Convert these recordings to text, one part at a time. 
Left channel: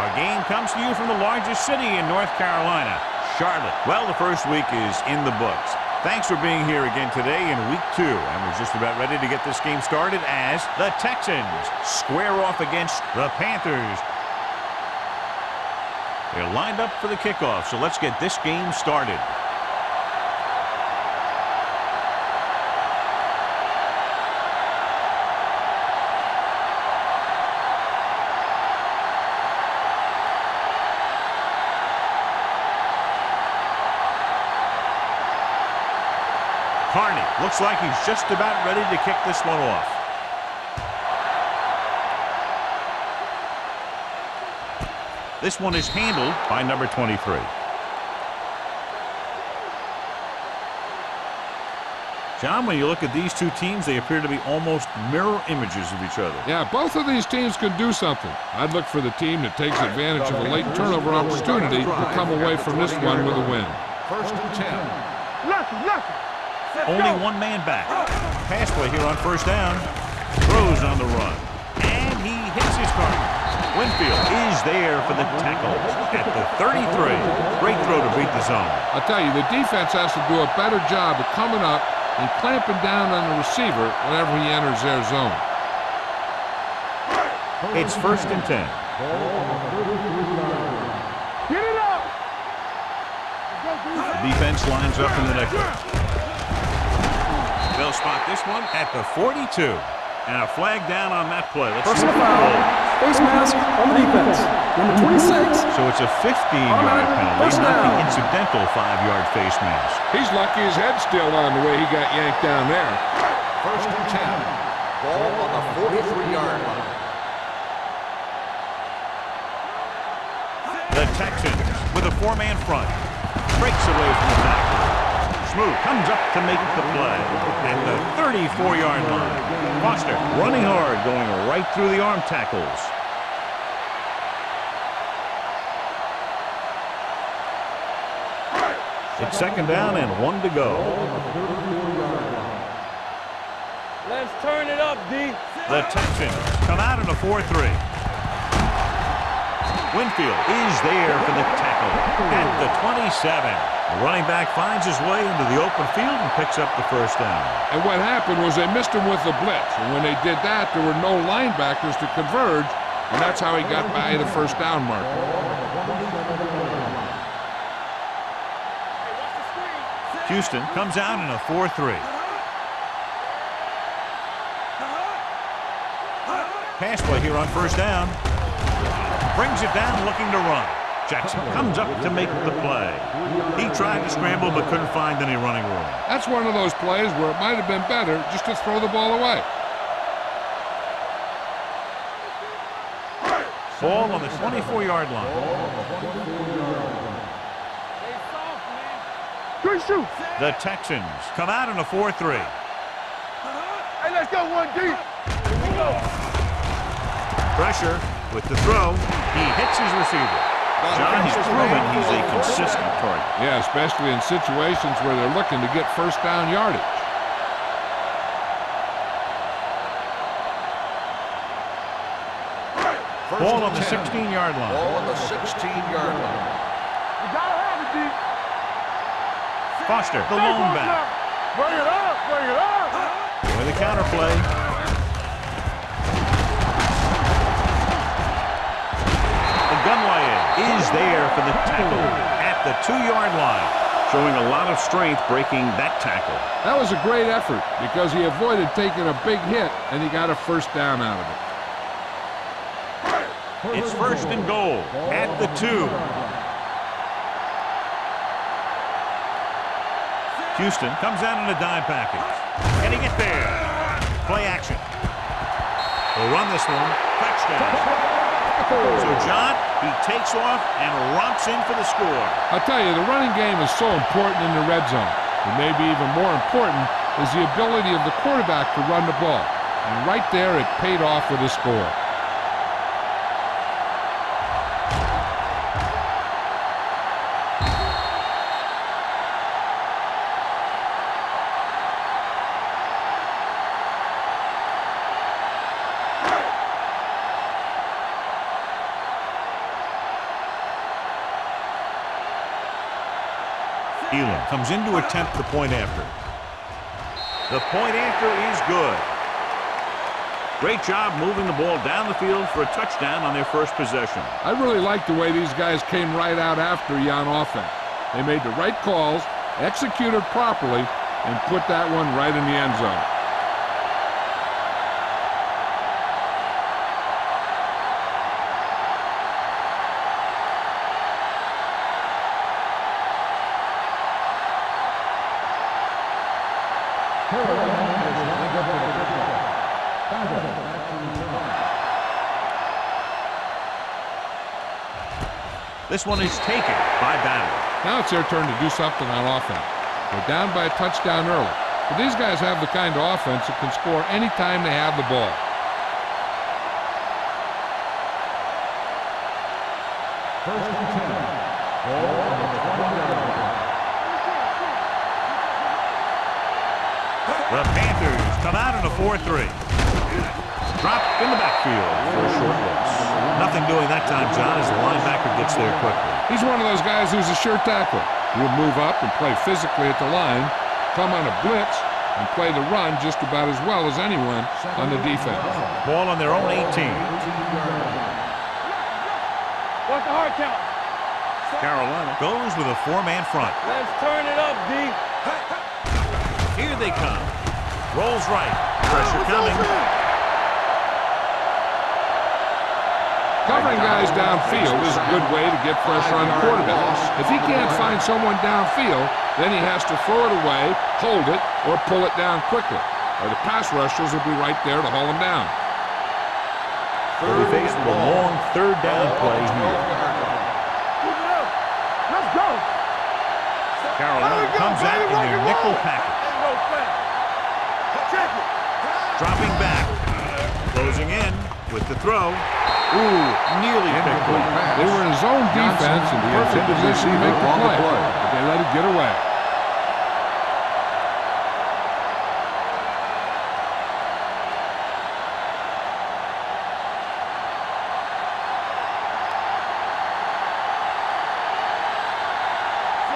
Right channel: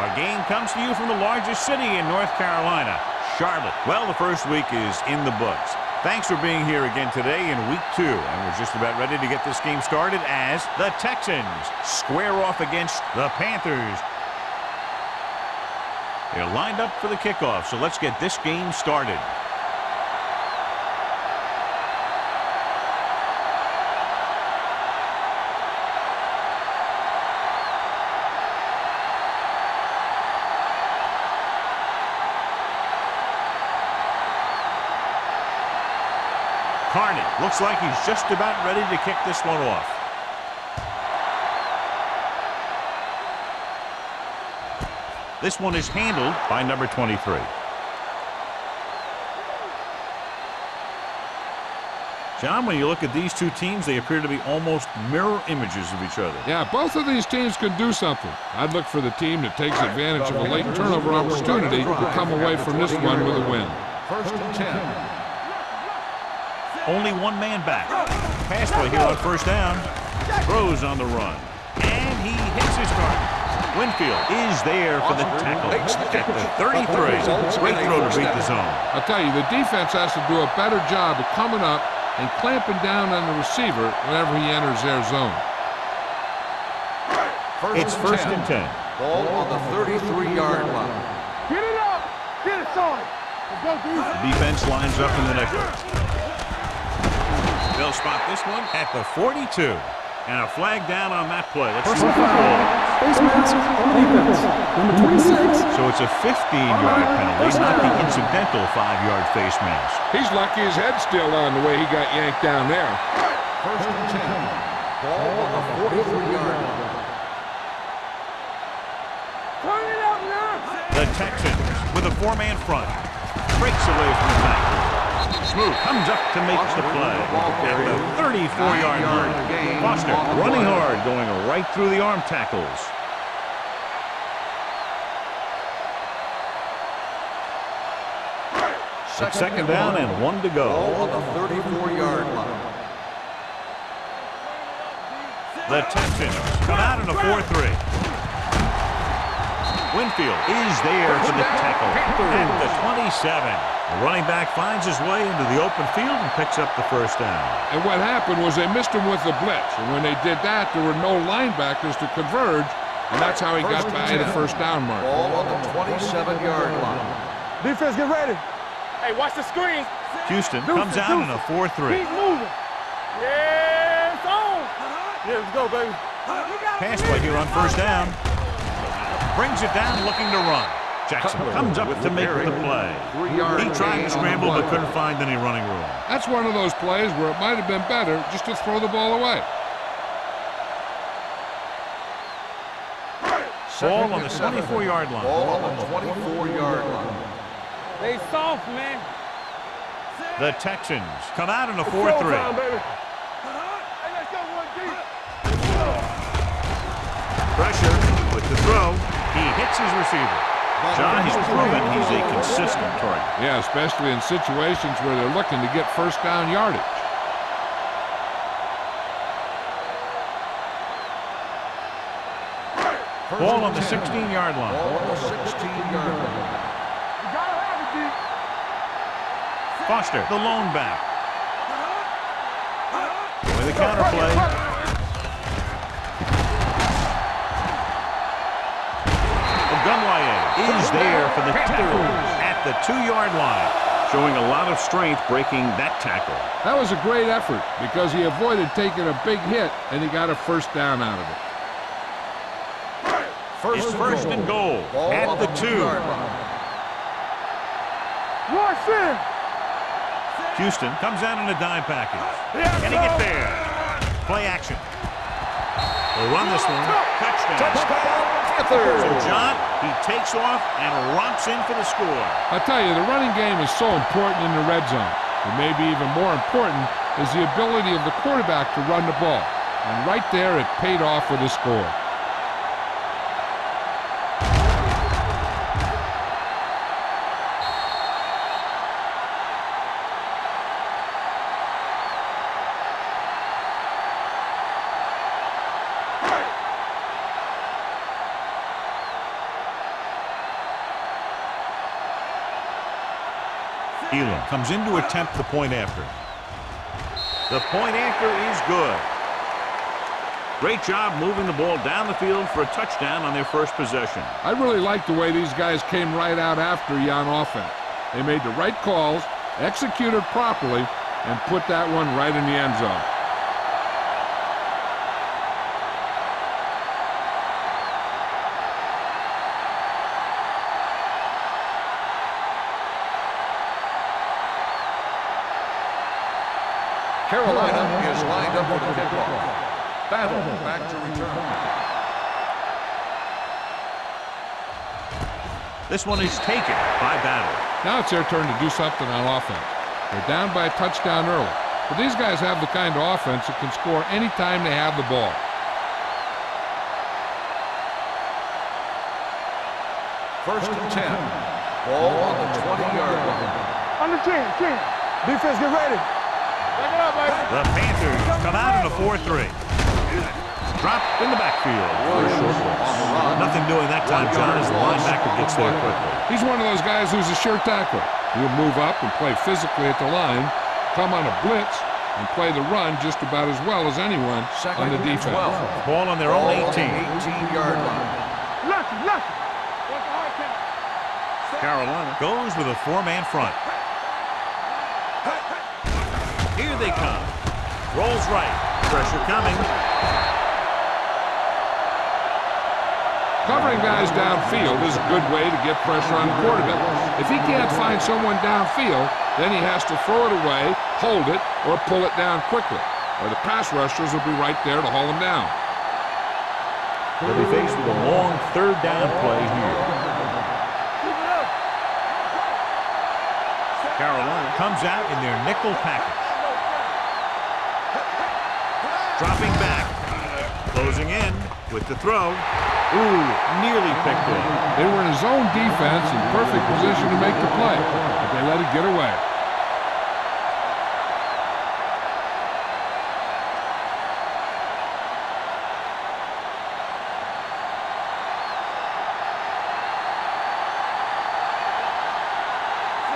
Our game comes to you from the largest city in North Carolina, Charlotte. Well, the first week is in the books. Thanks for being here again today in week 2. And we're just about ready to get this game started as the Texans square off against the Panthers. They're lined up for the kickoff, so let's get this game started. Carney looks like he's just about ready to kick this one off. This one is handled by number 23. John, when you look at these two teams, they appear to be almost mirror images of each other. Yeah, both of these teams can do something. I'd look for the team that takes advantage of a late turnover opportunity to come away from this one with a win. 1st and 10. Only one man back. Pass play here on 1st down. Throws on the run. And he hits his target. Winfield is there for the tackle at the 33. Great throw to beat the zone. I'll tell you, the defense has to do a better job of coming up and clamping down on the receiver whenever he enters their zone. It's 1st and 10. Ball on the 33-yard line. Get it up! Get it, son! Let's go, dude. The defense lines up in the nickel. They'll spot this one at the 42. And a flag down on that play. Let's see Personal what the foul. Face mask on the defense. Number 26. So it's a 15-yard penalty, not the incidental 5-yard face mask. He's lucky his head's still on the way he got yanked down there. 1st and 10. Ball on the 43-yard line. The Texans with a 4-man front. Breaks away from the tackle. Smooth comes up to make the play at the 34-yard line. Foster running hard, going right through the arm tackles. It's 2nd down and 1 to go. Let's turn it up, D. The Texans come out in a 4-3. Winfield is there for the tackle at the 27. The running back finds his way into the open field and picks up the 1st down. And what happened was they missed him with the blitz. And when they did that, there were no linebackers to converge, and that's how he got by the 1st down mark. Ball on the 27-yard line. Defense, get ready. Hey, watch the screen. Houston comes out in a 4-3. Yeah, it's on. Yeah, let's go, baby. Pass play here on 1st down. Brings it down looking to run. Jackson comes up to make the play. He tried to scramble but couldn't find any running room. That's one of those plays where it might have been better just to throw the ball away. Ball on the 24-yard line. Ball on the 24-yard line. They soft, man. Good shoot. The Texans come out in a 4-3. Hey, let's go, 1 deep. Here we go. Pressure with the throw. He hits his receiver. John, he's proven he's a consistent target. Yeah, especially in situations where they're looking to get 1st down yardage. Ball on the 16-yard line. Ball on the 16-yard line. You gotta have it, D. Foster, the lone back. Bring it up, bring it up. With a counter play. Ogunlaye is there for the tackle at the 2-yard line, showing a lot of strength breaking that tackle. That was a great effort because he avoided taking a big hit and he got a 1st down out of it. It's 1st and goal at the 2. Houston comes out in a dime package. Can he get there? Play action. They'll run this one. Touchdown. So, John, he takes off and romps in for the score. I'll tell you, the running game is so important in the red zone. And maybe even more important is the ability of the quarterback to run the ball. And right there, it paid off with a score. Elam comes in to attempt the point after. The point after is good. Great job moving the ball down the field for a touchdown on their first possession. I really like the way these guys came right out after you on offense. They made the right calls, executed properly, and put that one right in the end zone. Carolina is lined up with the football. Battle back to return. This one is taken by Battle. Now it's their turn to do something on offense. They're down by a touchdown early, but these guys have the kind of offense that can score anytime they have the ball. First and 10. Ball on the 20-yard line. On the 10. Defense, get ready. Back it up, man. The Panthers come out in a 4-3. Drop in the backfield for a short loss. Nothing doing that time, John, as the linebacker gets there quickly. He's one of those guys who's a sure tackle. He'll move up and play physically at the line, come on a blitz, and play the run just about as well as anyone on the defense. Ball on their own 18. 18-yard line. Look. Watch the hard count. Carolina goes with a 4-man front. Let's turn it up, D. Here they come. Rolls right. Pressure coming. Covering guys downfield is a good way to get pressure on the quarterback. If he can't find someone downfield, then he has to throw it away, hold it, or pull it down quickly. Or the pass rushers will be right there to haul him down. They'll be faced with a long third down play here. Keep it up. Let's go. Carolina comes out in their nickel package. Dropping back. Closing in with the throw. Ooh, nearly picked off. They were in a zone defense in perfect position to make the play, but they let it get away.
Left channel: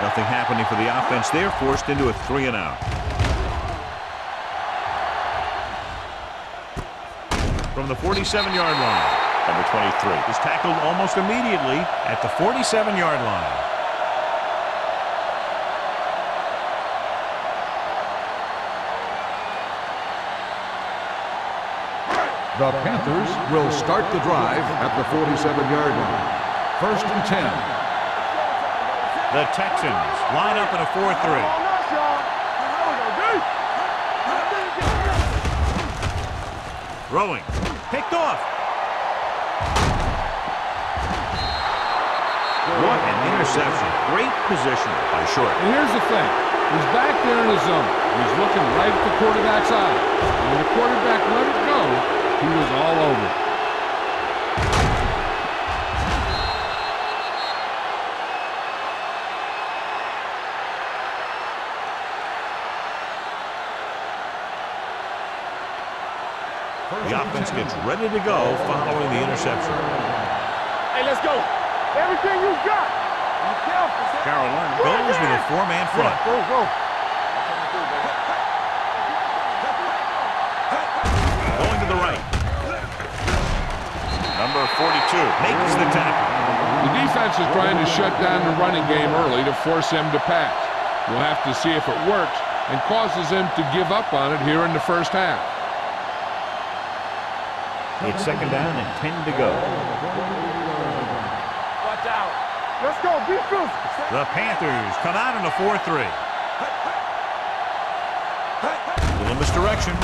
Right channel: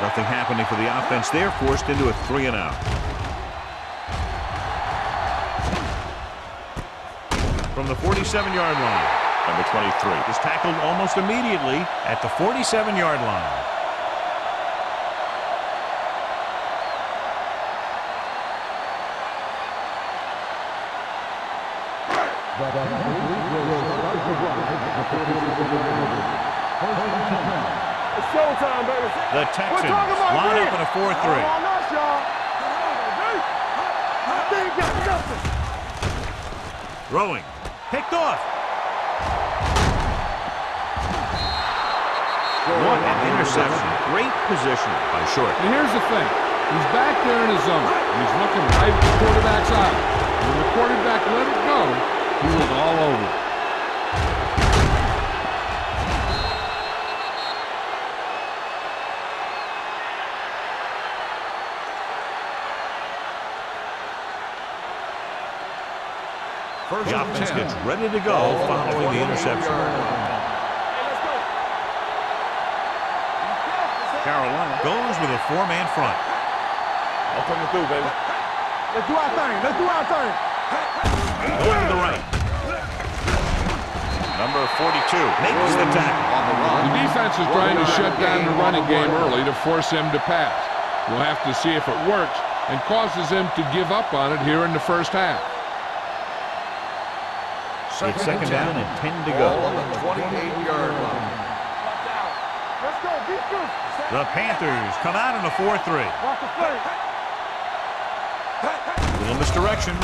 Nothing happening for the offense there, forced into a 3-and-out. From the 47-yard line, number 23 is tackled almost immediately at the 47-yard line. The Panthers will start the drive at the 47-yard line. First and 10. The Texans line up in a 4-3. Throwing. Picked off. What an interception. Great positioning by Short. And here's the thing. He's back there in his zone. He's looking right at the quarterback's eye. And when the quarterback let it go, he was all over it. The offense gets ready to go following the interception. Hey, let's go. Everything you got. Be careful. Carolina goes with a 4-man front. Go. I'm coming through, baby. Let's do our thing. Going to the right. Number 42 makes the tackle. The defense is trying to shut down the running game early to force him to pass. We'll have to see if it works and causes him to give up on it here in the first half. It's second down and 10 to go. Watch out. Let's go. Be physical. The Panthers come out in a 4-3. Little misdirection.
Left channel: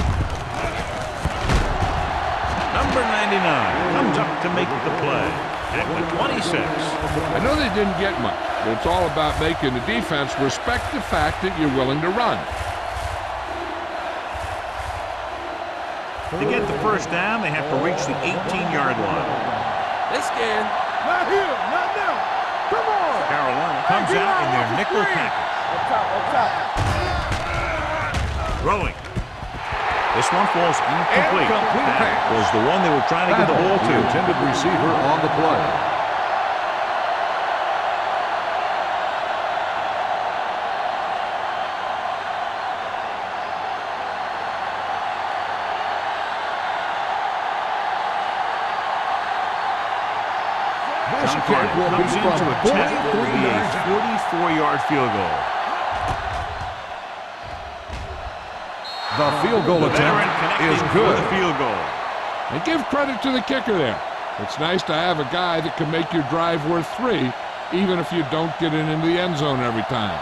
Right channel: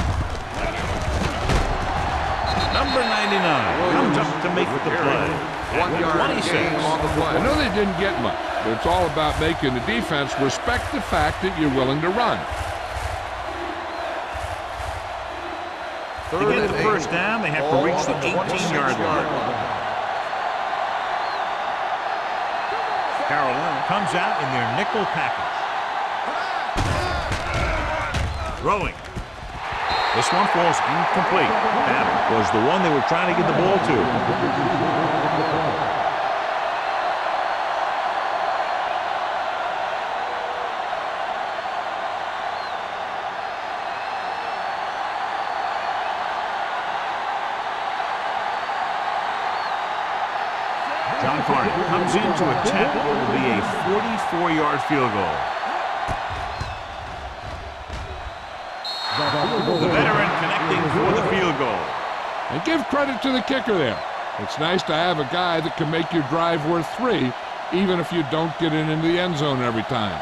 Number 99 comes up to make the play at the 26. I know they didn't get much, but it's all about making the defense respect the fact that you're willing to run. To get the first down, they have to reach the 18-yard line. They scared. Not here. Not now. Come on. Carolina comes out in their nickel package. Throwing. This one falls incomplete. That was the one they were trying to get the ball to. Intended receiver on the play. John Carney comes in to attempt what will be a 44-yard field goal. The field goal The attempt veteran connecting is for good. the field goal. And give credit to the kicker there. It's nice to have a guy that can make your drive worth 3, even if you don't get it into the end zone every time.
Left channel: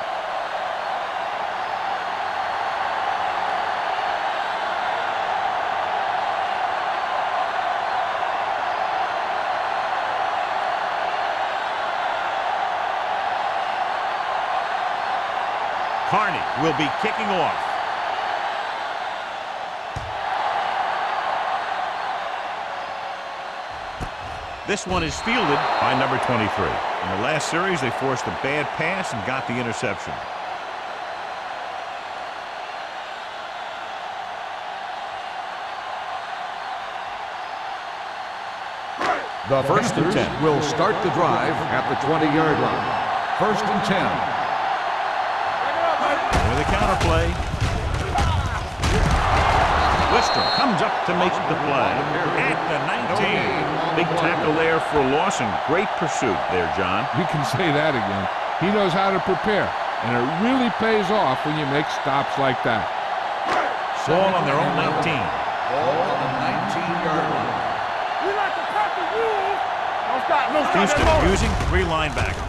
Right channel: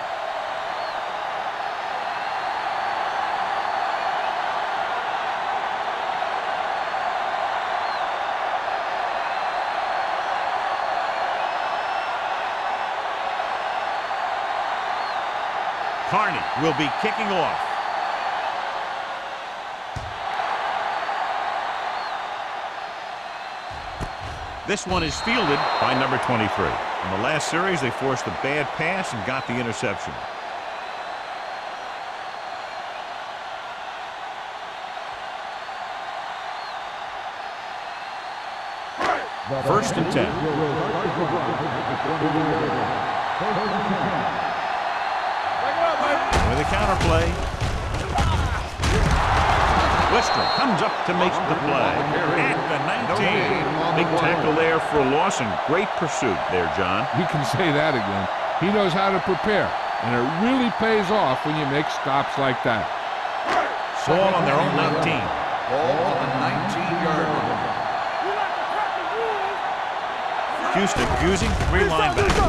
Carney will be kicking off. This one is fielded by number 23. In the last series, they forced a bad pass and got the interception. The First and Panthers 10. will start the drive at the 20-yard line. First and 10. With a counterplay. Wistrom comes up to make the play at the 19. Big tackle there for a loss and great pursuit there, John. You can say that again. He knows how to prepare, and it really pays off when you make stops like that. Ball on their own 19. Ball on the 19-yard line. We like to crack the rules. Houston using 3 linebackers.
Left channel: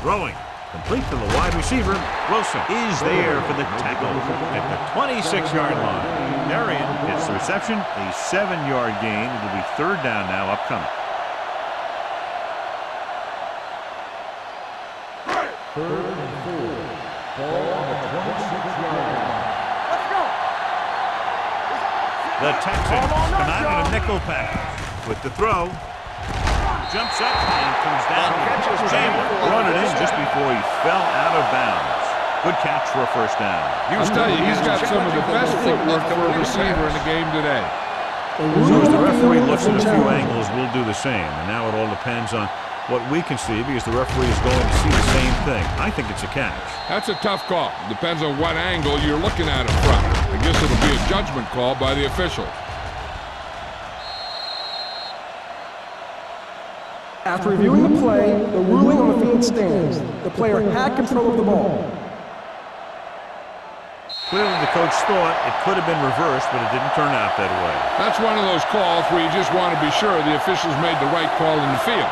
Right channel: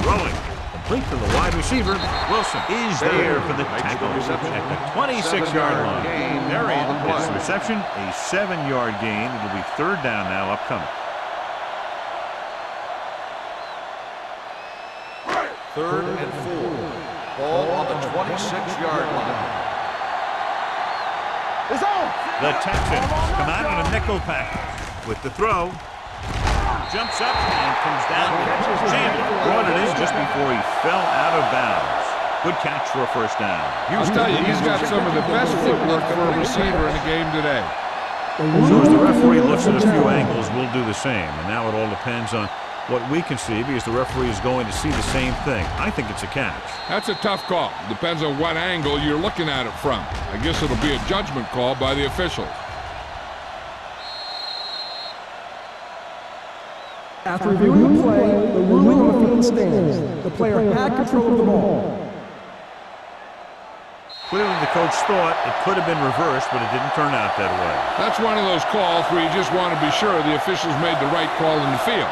Throwing. Complete to the wide receiver. Wilson is there for the tackle at the 26-yard line. Marion gets the reception, a 7-yard gain. It'll be 3rd down now upcoming. 3rd and 4. Ball on the 26-yard line. It's on. The Texans come out in a nickel package with the throw. Jumps up and comes down. Chandler brought it in just before he fell out of bounds. Good catch for a 1st down. I'll tell you, he's got some of the best footwork for a receiver in the game today. So as the referee looks at a few angles, we'll do the same. And now it all depends on what we can see because the referee is going to see the same thing. I think it's a catch. That's a tough call. Depends on what angle you're looking at it from. I guess it'll be a judgment call by the officials. After reviewing the play, the ruling on the field stands. The player had control of the ball. Clearly the coach thought it could have been reversed, but it didn't turn out that way. That's one of those calls where you just want to be sure the officials made the right call in the field.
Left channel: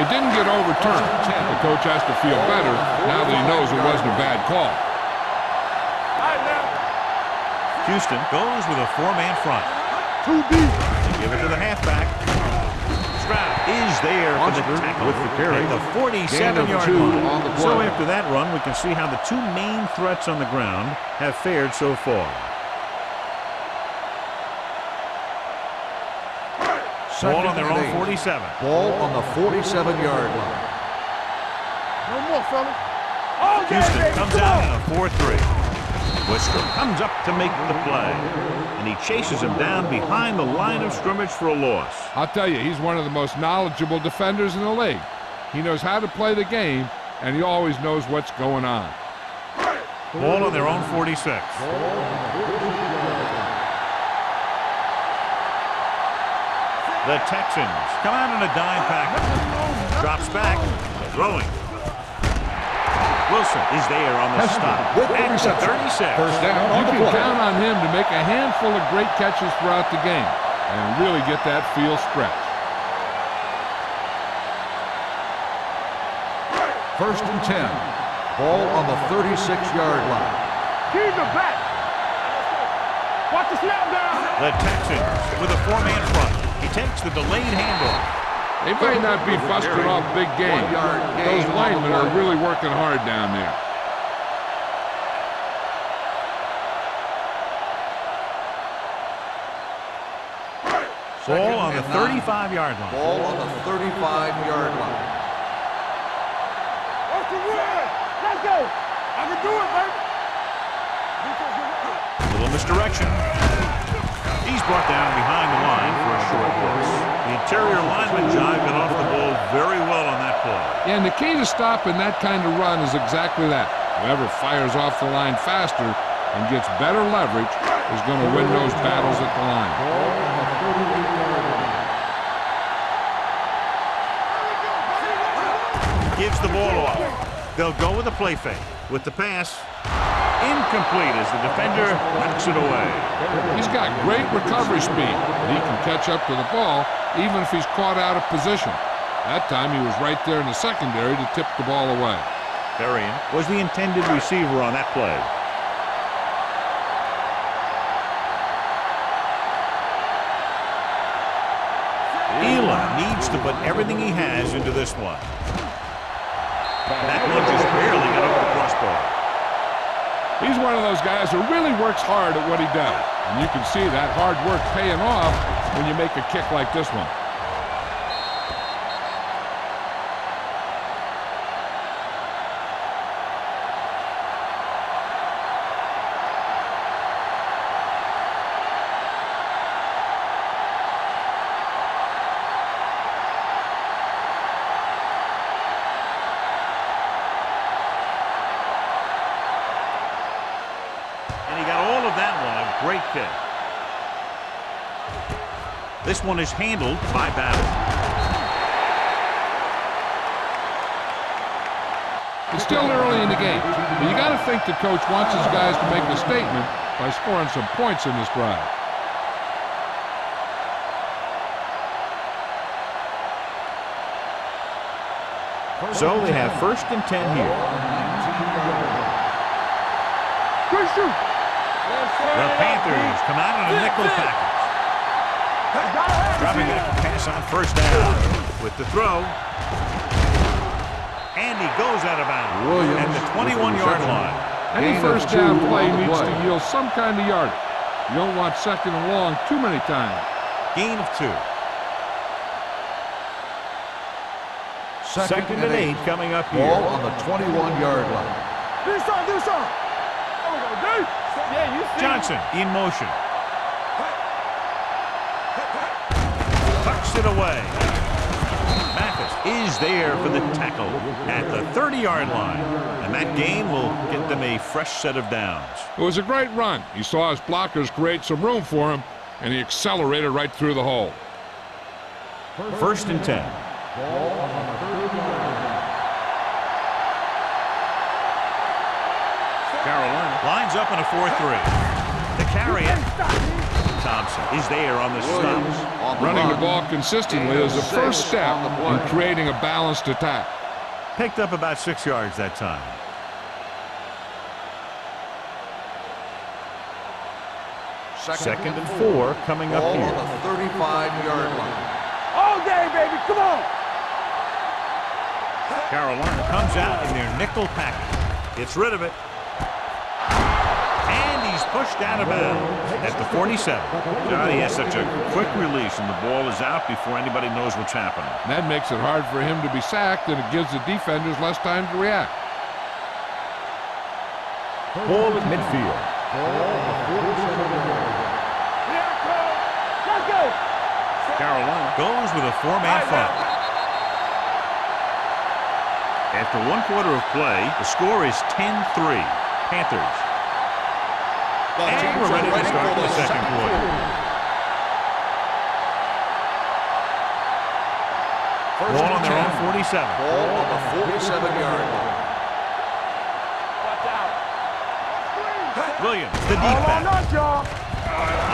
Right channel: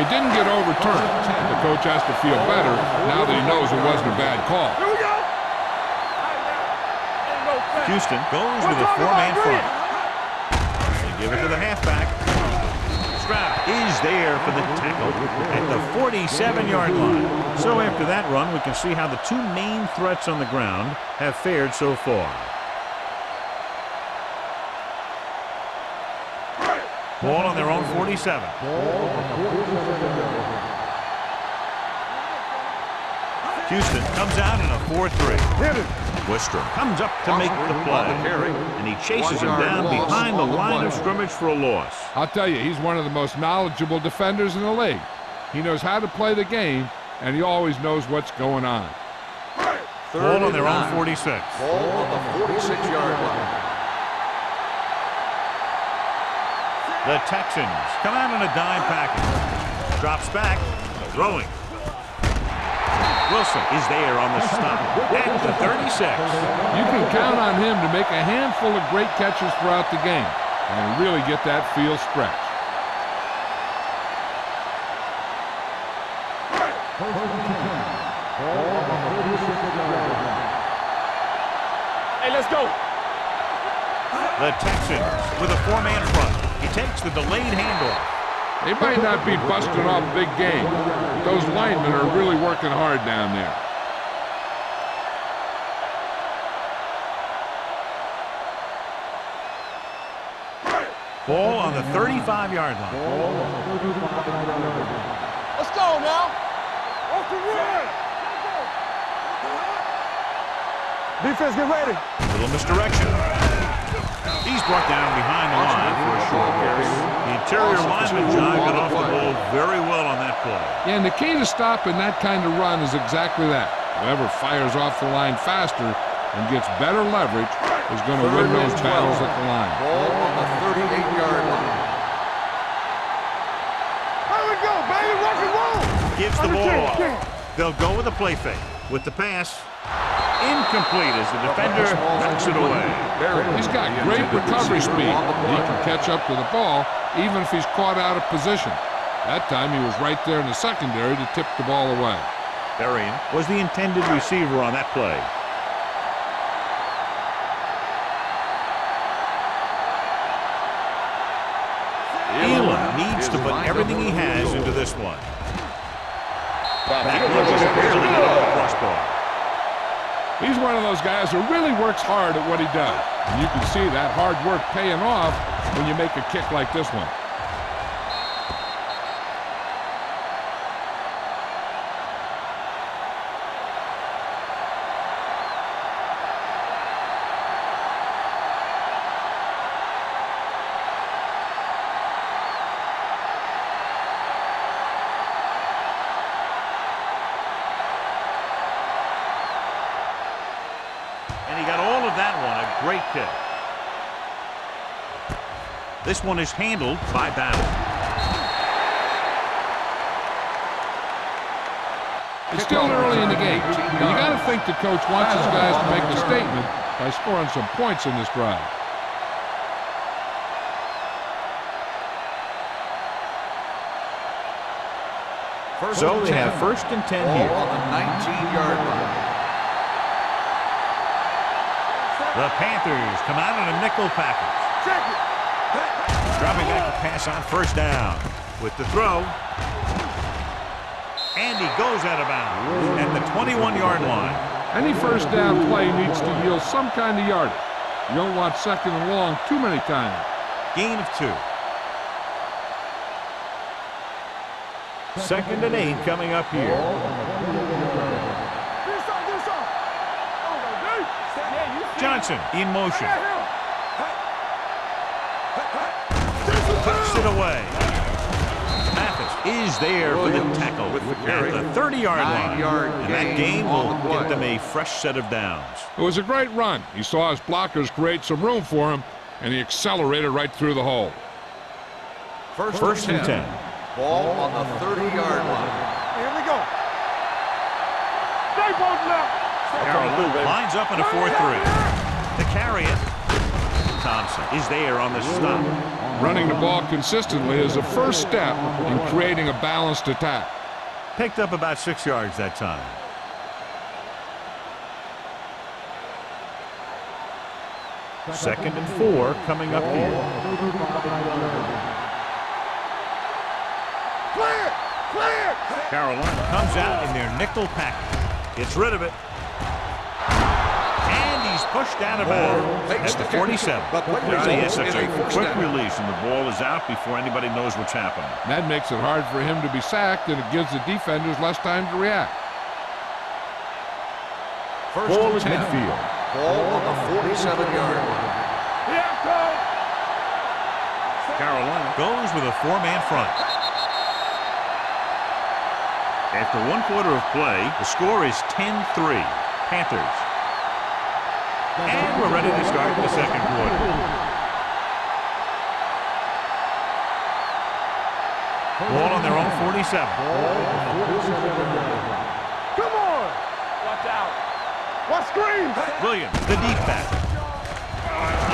It didn't get overturned. The coach has to feel better now that he knows it wasn't a bad call. Houston goes with a 4-man front. They give it to the halfback. Stroud is there for the tackle at the 47-yard line. So after that run, we can see how the 2 main threats on the ground have fared so far. Ball on their own 47. Ball on the 47-yard line. Houston comes out in a 4-3. Wistrom comes up to make the play, and he chases him down behind the line of scrimmage for a loss. I'll tell you, he's one of the most knowledgeable defenders in the league. He knows how to play the game, and he always knows what's going on. Ball on their own 46. Ball on the 46-yard line. The Texans come out in a dime package. Drops back, throwing. Wilson is there on the stop at the 36. You can count on him to make a handful of great catches throughout the game and really get that field stretch. 1st and 10. Ball on the 36-yard line. He's the back. Hey, let's go. Watch the snap down. The Texans with a 4-man front. He takes the delayed handoff. They might not be busting off big game, but those linemen are really working hard down there. Ball on the 35-yard line. Ball on the 35-yard line. Let's go now. Watch the run. Let's go. I can do it, man. Defense, get ready. Little misdirection. He's brought down behind the line for a short loss. The interior lineman, John, got off the ball very well on that play. Yeah, and the key to stopping that kind of run is exactly that. Whoever fires off the line faster and gets better leverage is going to win those battles at the line. Ball on the 38-yard line. Here we go, baby. Watch gives the ball off. They'll go with a play fake. With the pass, incomplete as the defender knocks it away. He's got great recovery speed. He can catch up to the ball even if he's caught out of position. That time he was right there in the secondary to tip the ball away. Berrien was the intended receiver on that play. Elam needs to put everything he has into this one. That one just barely got over the crossbar. He's one of those guys who really works hard at what he does. And you can see that hard work paying off when you make a kick like this one. And he got all of that one, a great kick. This one is handled by Battle. It's still early in the game, but you got to think the coach wants his guys to make a statement by scoring some points in this drive. So they have 1st and 10 here. On the 19-yard line. The Panthers come out in a nickel package. Dropping back to pass on 1st down. With the throw. And he goes out of bounds at the 21-yard line. Any first down play needs to yield some kind of yardage. You don't want 2nd and long too many times. Gain of 2. 2nd and 8 coming up here. Ball on the 21-yard line. Do something, do something. There we go, dude. Yeah, you see. Johnson in motion. Tucks it away. Mathis is there for the tackle at the 30-yard line. And that gain will get them a fresh set of downs. It was a great run. He saw his blockers create some room for him, and he accelerated right through the hole. 1st and 10. Ball on the 30-yard line. Here we go. Stay broken up. Carolina lines up in a 4-3. To carry it. Thompson is there on the stop. Running the ball consistently is the first step in creating a balanced attack. Picked up about 6 yards that time. Second and 4 coming up here. 35-yard line. All day, baby. Come on. Clear. Clear. Carolina comes out in their nickel package. Gets rid of it. And he's pushed out of bounds at the 47. Johnny has such a quick release, and the ball is out before anybody knows what's happening. And that makes it hard for him to be sacked, and it gives the defenders less time to react. Ball at midfield. Ball on the 47-yard line. Here it goes. Let's go. Carolina goes with a 4-man front. After 1 quarter of play, the score is 10-3. Panthers. And we're ready to start the second quarter. Ball on their own 47. Ball on the 47-yard line. Come on. Watch out. Let's screen. Williams, the deep back. Not y'all.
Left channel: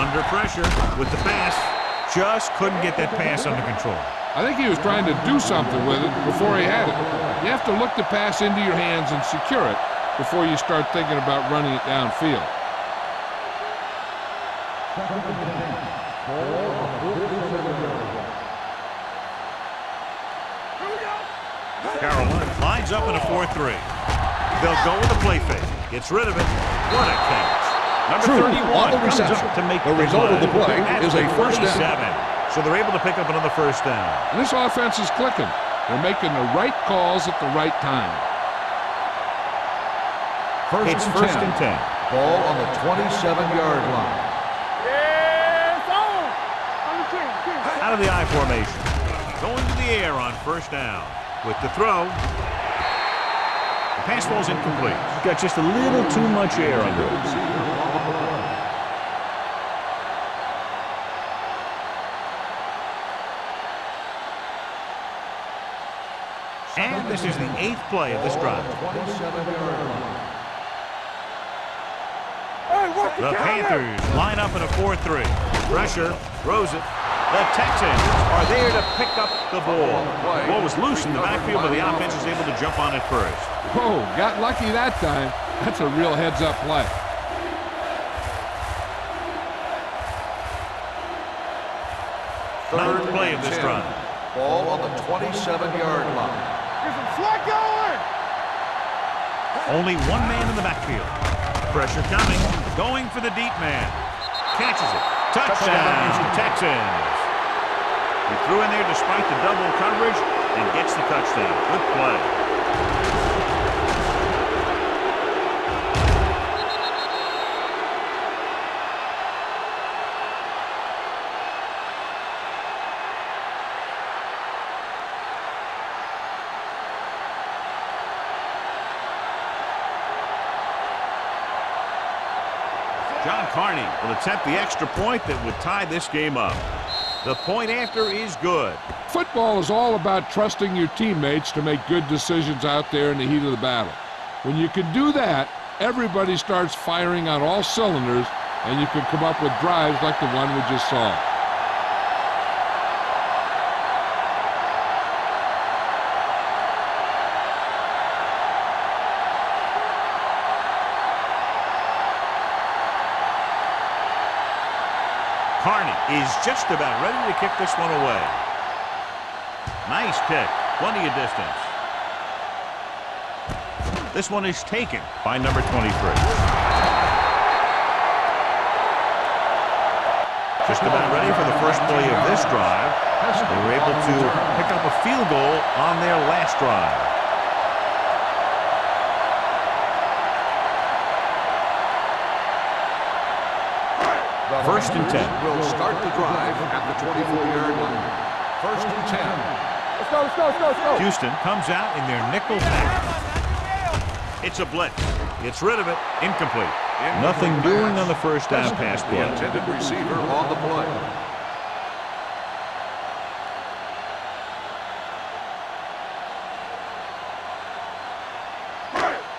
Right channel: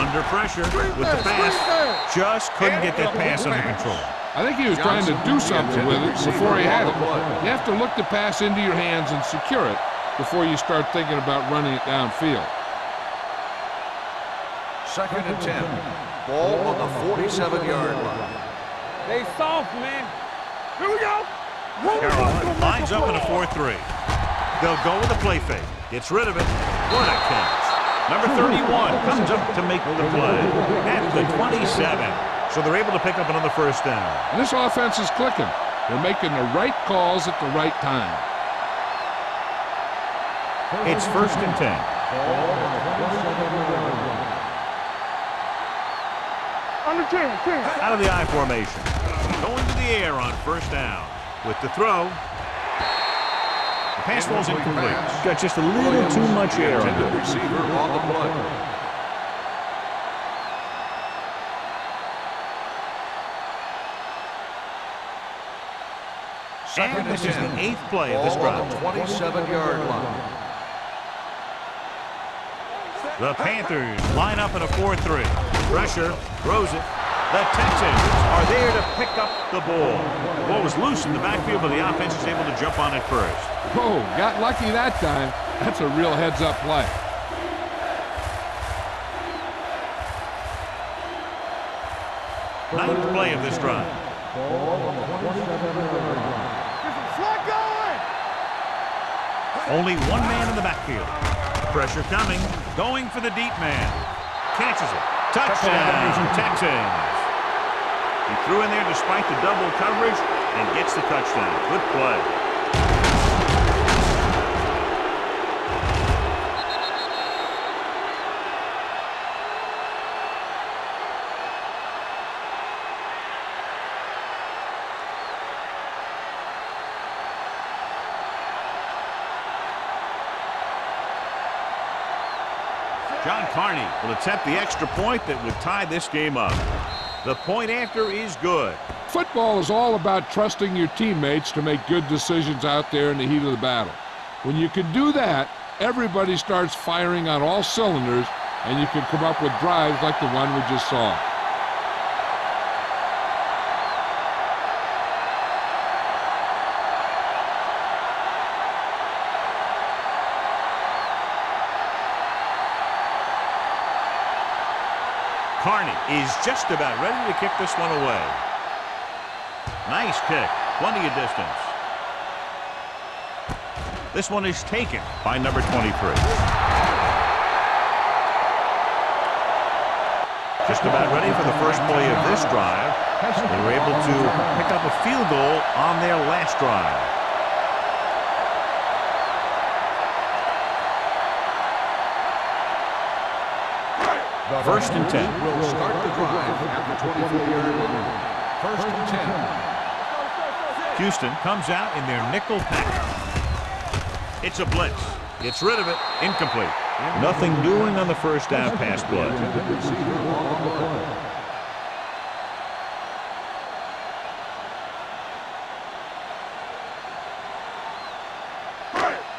Under pressure with the pass. Just couldn't get that pass under control. I think he was trying to do something with it before he had it. You have to look the pass into your hands and secure it before you start thinking about running it downfield. 2nd and 10. Ball on the 47-yard line. Stay soft, man. Here we go. Carolina lines up in a 4-3. They'll go with a play fake. Gets rid of it. What a catch. Number 31 comes up to make the play at the 27. So they're able to pick up another first down. And this offense is clicking. They're making the right calls at the right time. It's 1st and 10. Ball on the 27-yard line. It's on. Under 10. Out of the I formation. Going to the air on 1st down. With the throw. The pass ball's incomplete. Got just a little too much air under it. Receiver on the play. And this is the 8th play of this drive. 27-yard line. The Panthers line up in a 4-3. Pressure, throws it. The Texans are there to pick up the ball. The ball was loose in the backfield, but the offense is able to jump on it first. Oh, got lucky that time. That's a real heads-up play. Ninth play of this drive. Ball on the 27-yard line. Get some slack going! Only one man in the backfield. Pressure coming. Going for the deep man. Catches it. Touchdown, Texans. He threw in there despite the double coverage and gets the touchdown. Good play. John Carney will attempt the extra point that would tie this game up. The point after is good. Football is all about trusting your teammates to make good decisions out there in the heat of the battle. When you can do that, everybody starts firing on all cylinders, and you can come up with drives like the one we just saw. Carney is just about ready to kick this one away. Nice kick. Plenty of distance. This one is taken by number 23. Just about ready for the first play of this drive. They were able to pick up a field goal on their last drive. First and 10. Will start the drive at the 24-yard line. First and 10. Houston comes out in their nickel package. It's a blitz. Gets rid of it. Incomplete. Nothing doing on the first down pass play. The intended receiver on the play.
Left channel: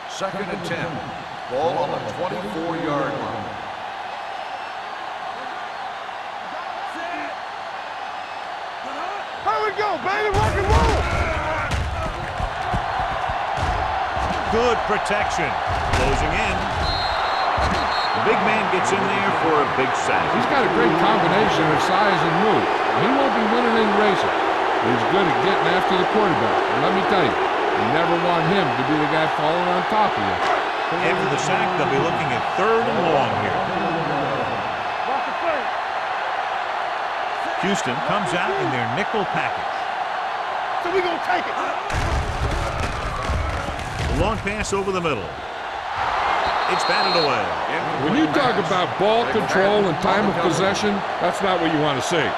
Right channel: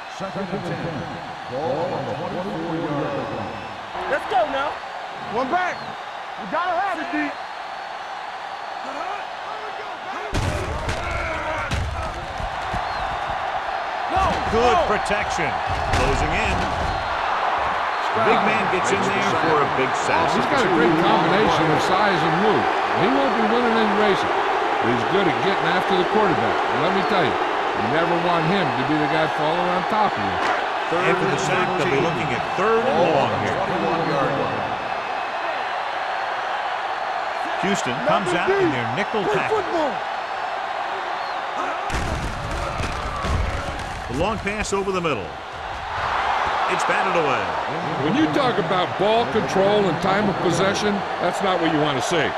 Second and 10. Ball on the 24-yard line. Let's go now. One back. You gotta have it, D. Here we go, baby. Rock and roll. Good protection. Closing in. The big man gets in there for a big sack. He's got a great combination of size and move. He won't be winning any races, but he's good at getting after the quarterback. And let me tell you, you never want him to be the guy falling on top of you. After the sack, they'll be looking at 3rd and long here. Houston comes out in their nickel package. So we're gonna take it. The long pass over the middle. It's batted away. When you talk about ball control and time of possession, that's not what you want to see.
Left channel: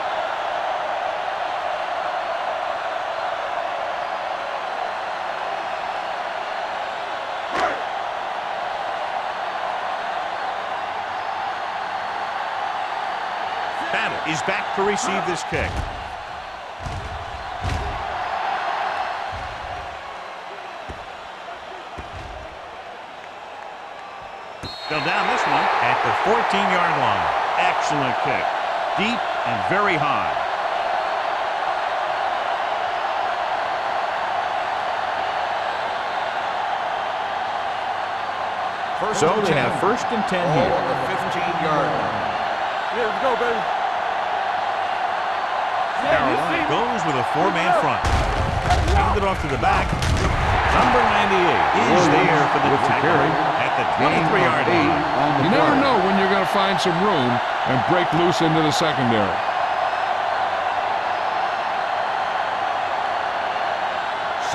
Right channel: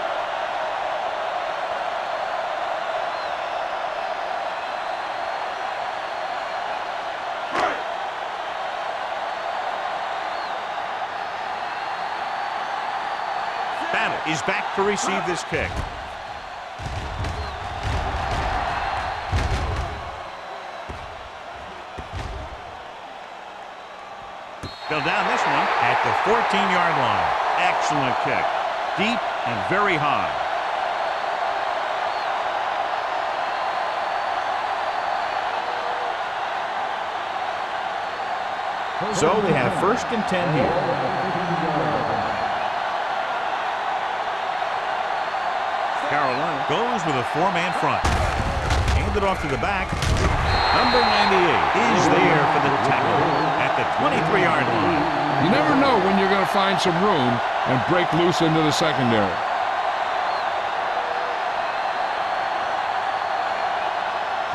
Battle is back to receive this kick. They'll down this one at the 14-yard line. Excellent kick. Deep and very high. So they have 1st and 10 here. On the 15-yard line. Yeah, let's go, baby. Carolina goes with a 4-man front. Hand it off to the back. Number 98 is there for the tackle at the 23-yard line. You never know when you're going to find some room and break loose into the secondary.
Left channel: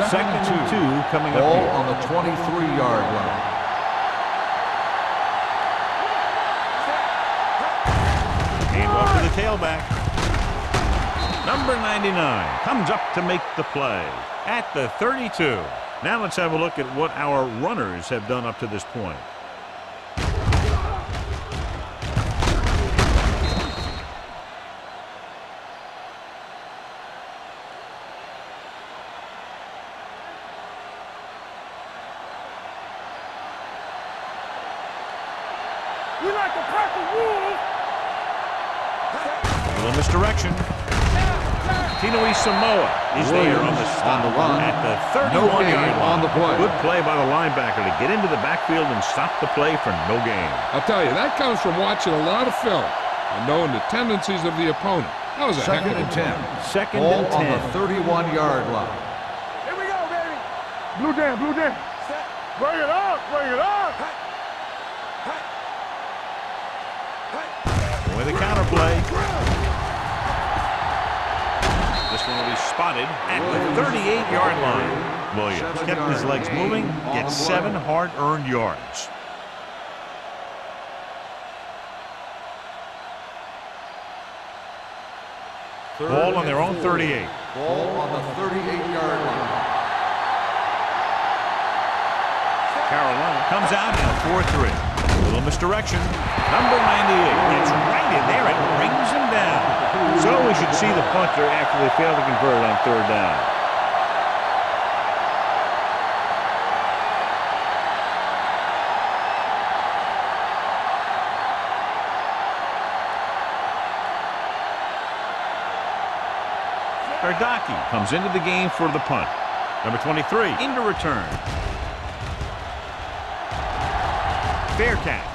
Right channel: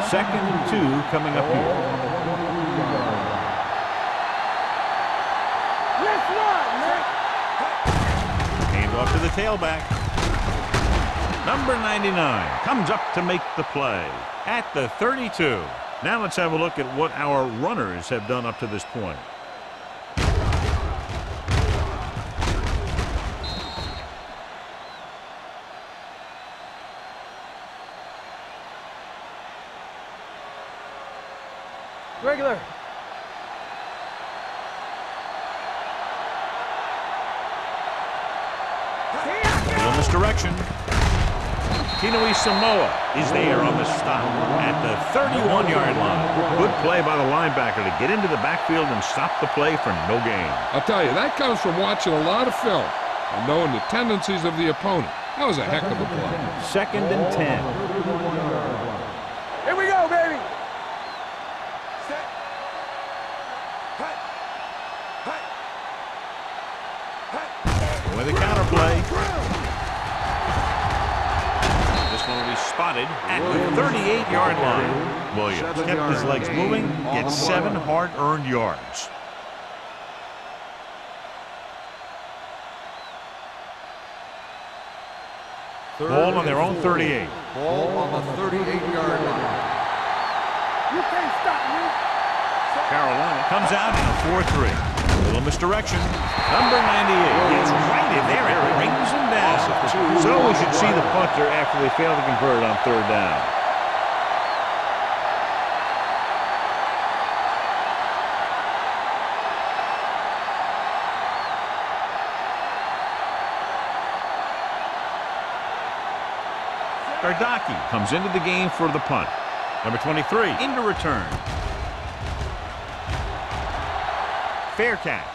Second and 2 coming up Ball here. on the 23-yard line. Hand off to the tailback. Number 99 comes up to make the play at the 32. Now let's have a look at what our runners have done up to this point. Regular. We like to crack the rules. A little misdirection. Tinoi Samoa is there on the stop at the 31-yard line. Good play by the linebacker to get into the backfield and stop the play for no gain. I'll tell you, that comes from watching a lot of film and knowing the tendencies of the opponent. That was a heck of a play. Second and 10. 31-yard line. Here we go, baby. Blue jam, blue jam. Set. Bring it up, bring it up. Hey. Hey. With a counter play. This one will be spotted at the 38-yard line. Williams kept his legs moving, gets 7 hard-earned yards. Ball on their own 38. Ball on the 38-yard line. You can't stop me. Carolina comes out in a 4-3. A little misdirection. Number 98 gets right in there and brings him down. So we should see the punter after they fail to convert on 3rd down. Gardaki comes into the game for the punt. Number 23 into return. Fair catch.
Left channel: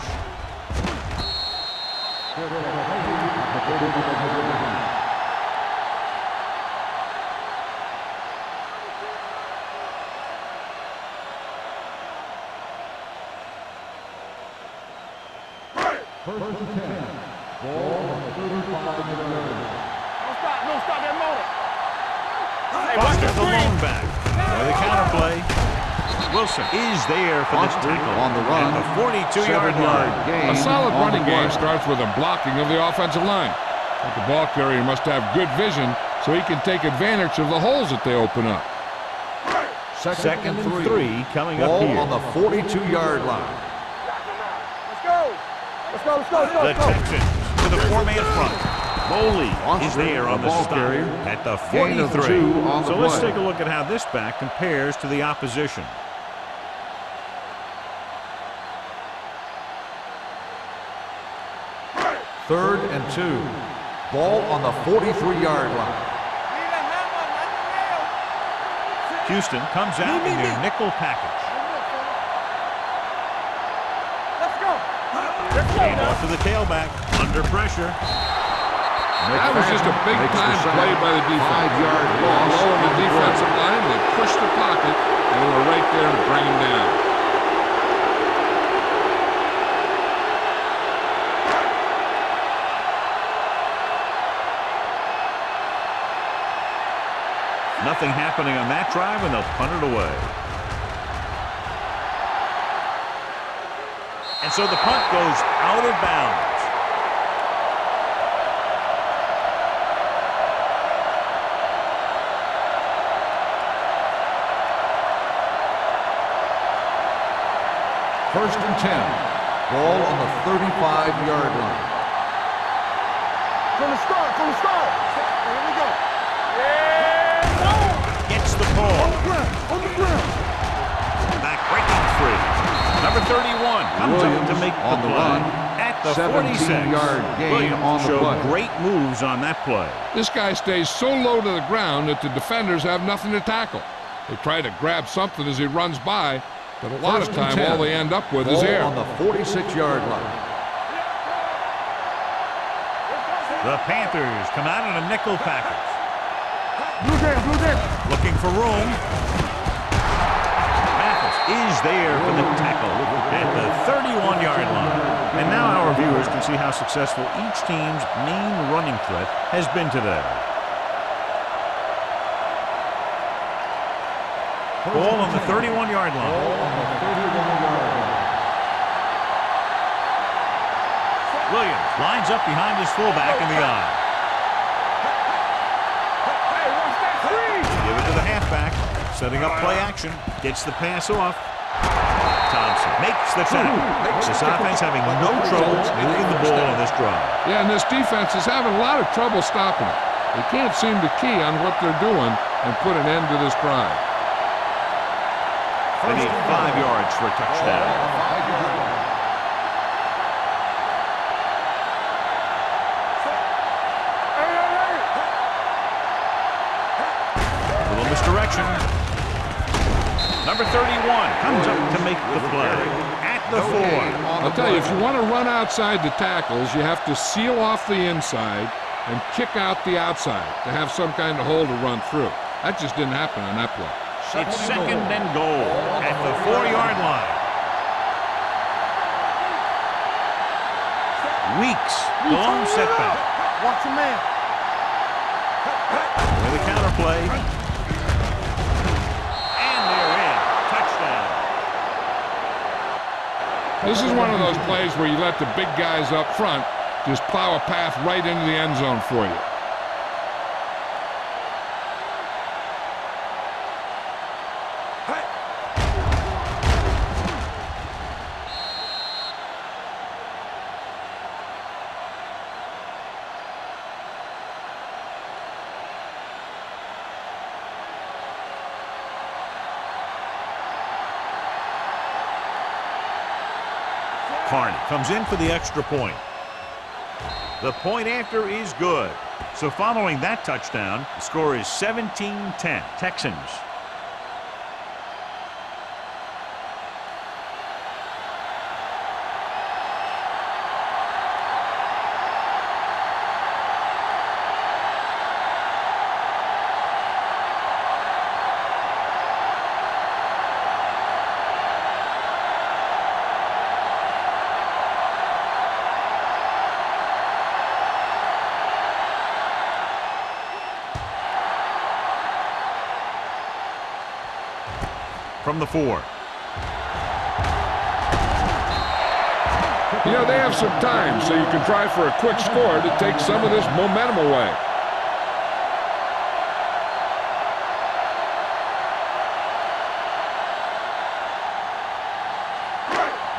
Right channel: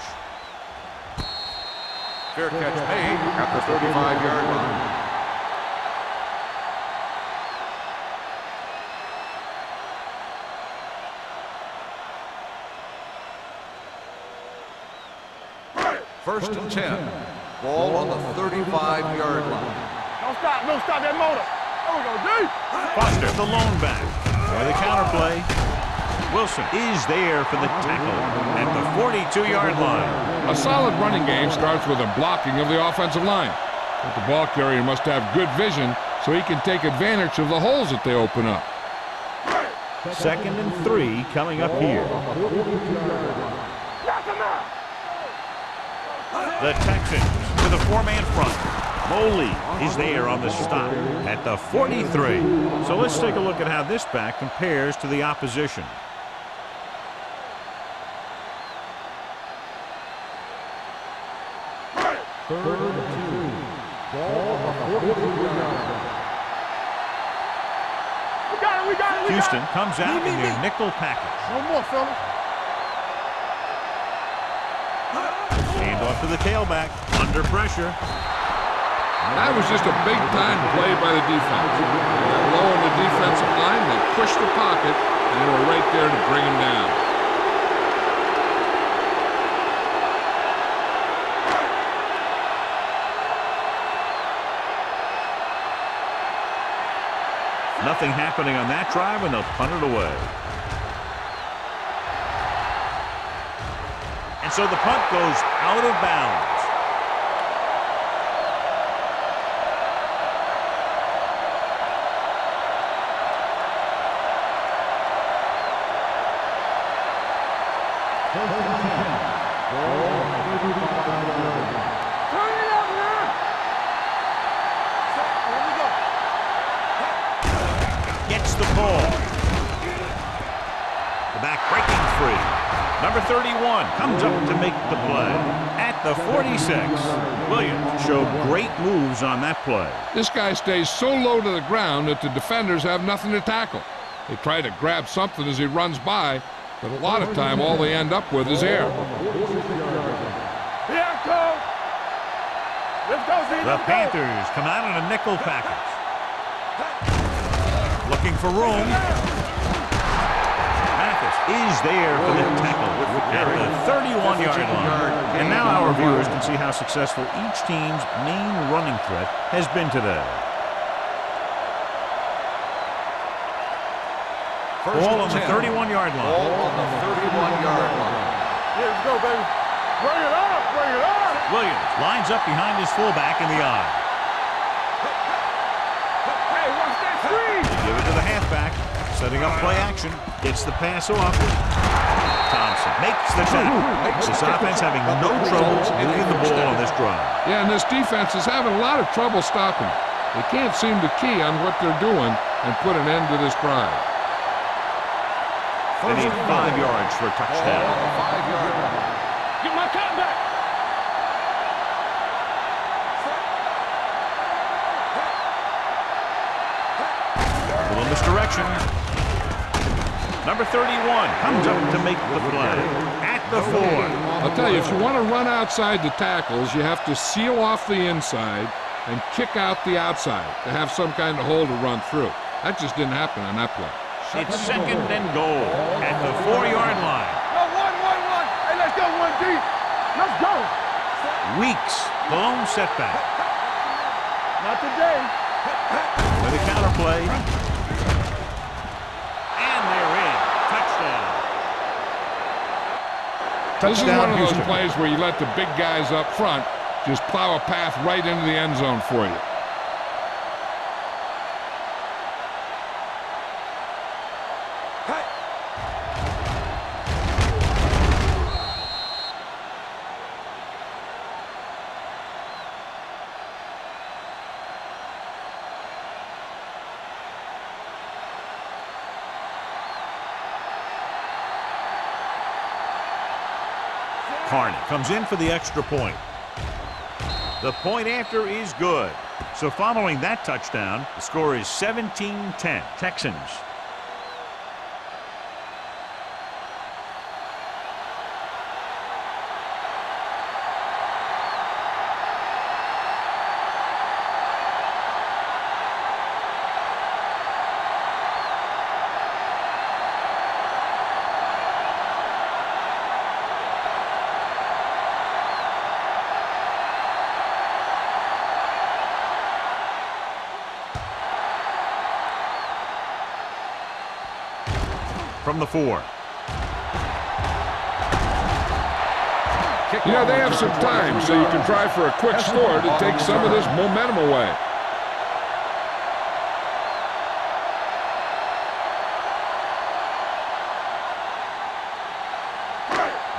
Fair catch made at the 35-yard line. First and 10. Ball on the 35-yard line. Don't stop that motor. Foster, the lone back. With a counter play. Wilson is there for the tackle at the 42-yard line. A solid running game starts with a blocking of the offensive line. But the ball carrier must have good vision so he can take advantage of the holes that they open up. Second and 3 coming up here. On the 42-yard line. Let's go. The Texans with a 4-man front. Moley is there on the stop at the 43. So let's take a look at how this back compares to the opposition. Third and 2. Ball on the 43-yard line. Houston comes out in their nickel package. No more, fella. Let's go. Hand off to the tailback. Under pressure. That was just a big-time play by the defense. They got low in the defensive line, they pushed the pocket, and they were right there to bring him down. Nothing happening on that drive, and they'll punt it away. And so the punt goes out of bounds. First and 10. Ball on the 35-yard line. From the start. Set. Here we go. Gets the ball. The back breaking free. Number 31 comes up to make the play at the 46. Williams showed great moves on that play. This guy stays so low to the ground that the defenders have nothing to tackle. They try to grab something as he runs by, but a lot of time all they end up with is air. On the 46-yard line. The Panthers come out in a nickel package. Looking for room. Mathis is there for the tackle at the 31-yard line. And now our viewers can see how successful each team's main running threat has been today. Ball on the 31-yard line. Williams lines up behind his fullback in the eye. Hey, watch that screen! Give it to the halfback. Setting up play action. Gets the pass off. Thompson makes the tackle. This offense having no trouble moving the ball on this drive. Yeah, and this defense is having a lot of trouble stopping it. They can't seem to key on what they're doing and put an end to this drive. They need 5 yards for a touchdown. Ball on the 5-yard line. A little misdirection. Number 31 comes up to make the play at the 4. I'll tell you, if you want to run outside the tackles, you have to seal off the inside and kick out the outside to have some kind of hole to run through. That just didn't happen on that play. It's second and goal at the 4-yard line. Weeks, the lone setback. Watch a man. Not today. With a counter play. And they're in. Touchdown. This is one of those plays where you let the big guys up front just plow a path right into the end zone for you. Carney comes in for the extra point. The point after is good. So following that touchdown, the score is 17-10. Texans. From the 4. You know, they have some time, so you can try for a quick score to take some of this momentum away.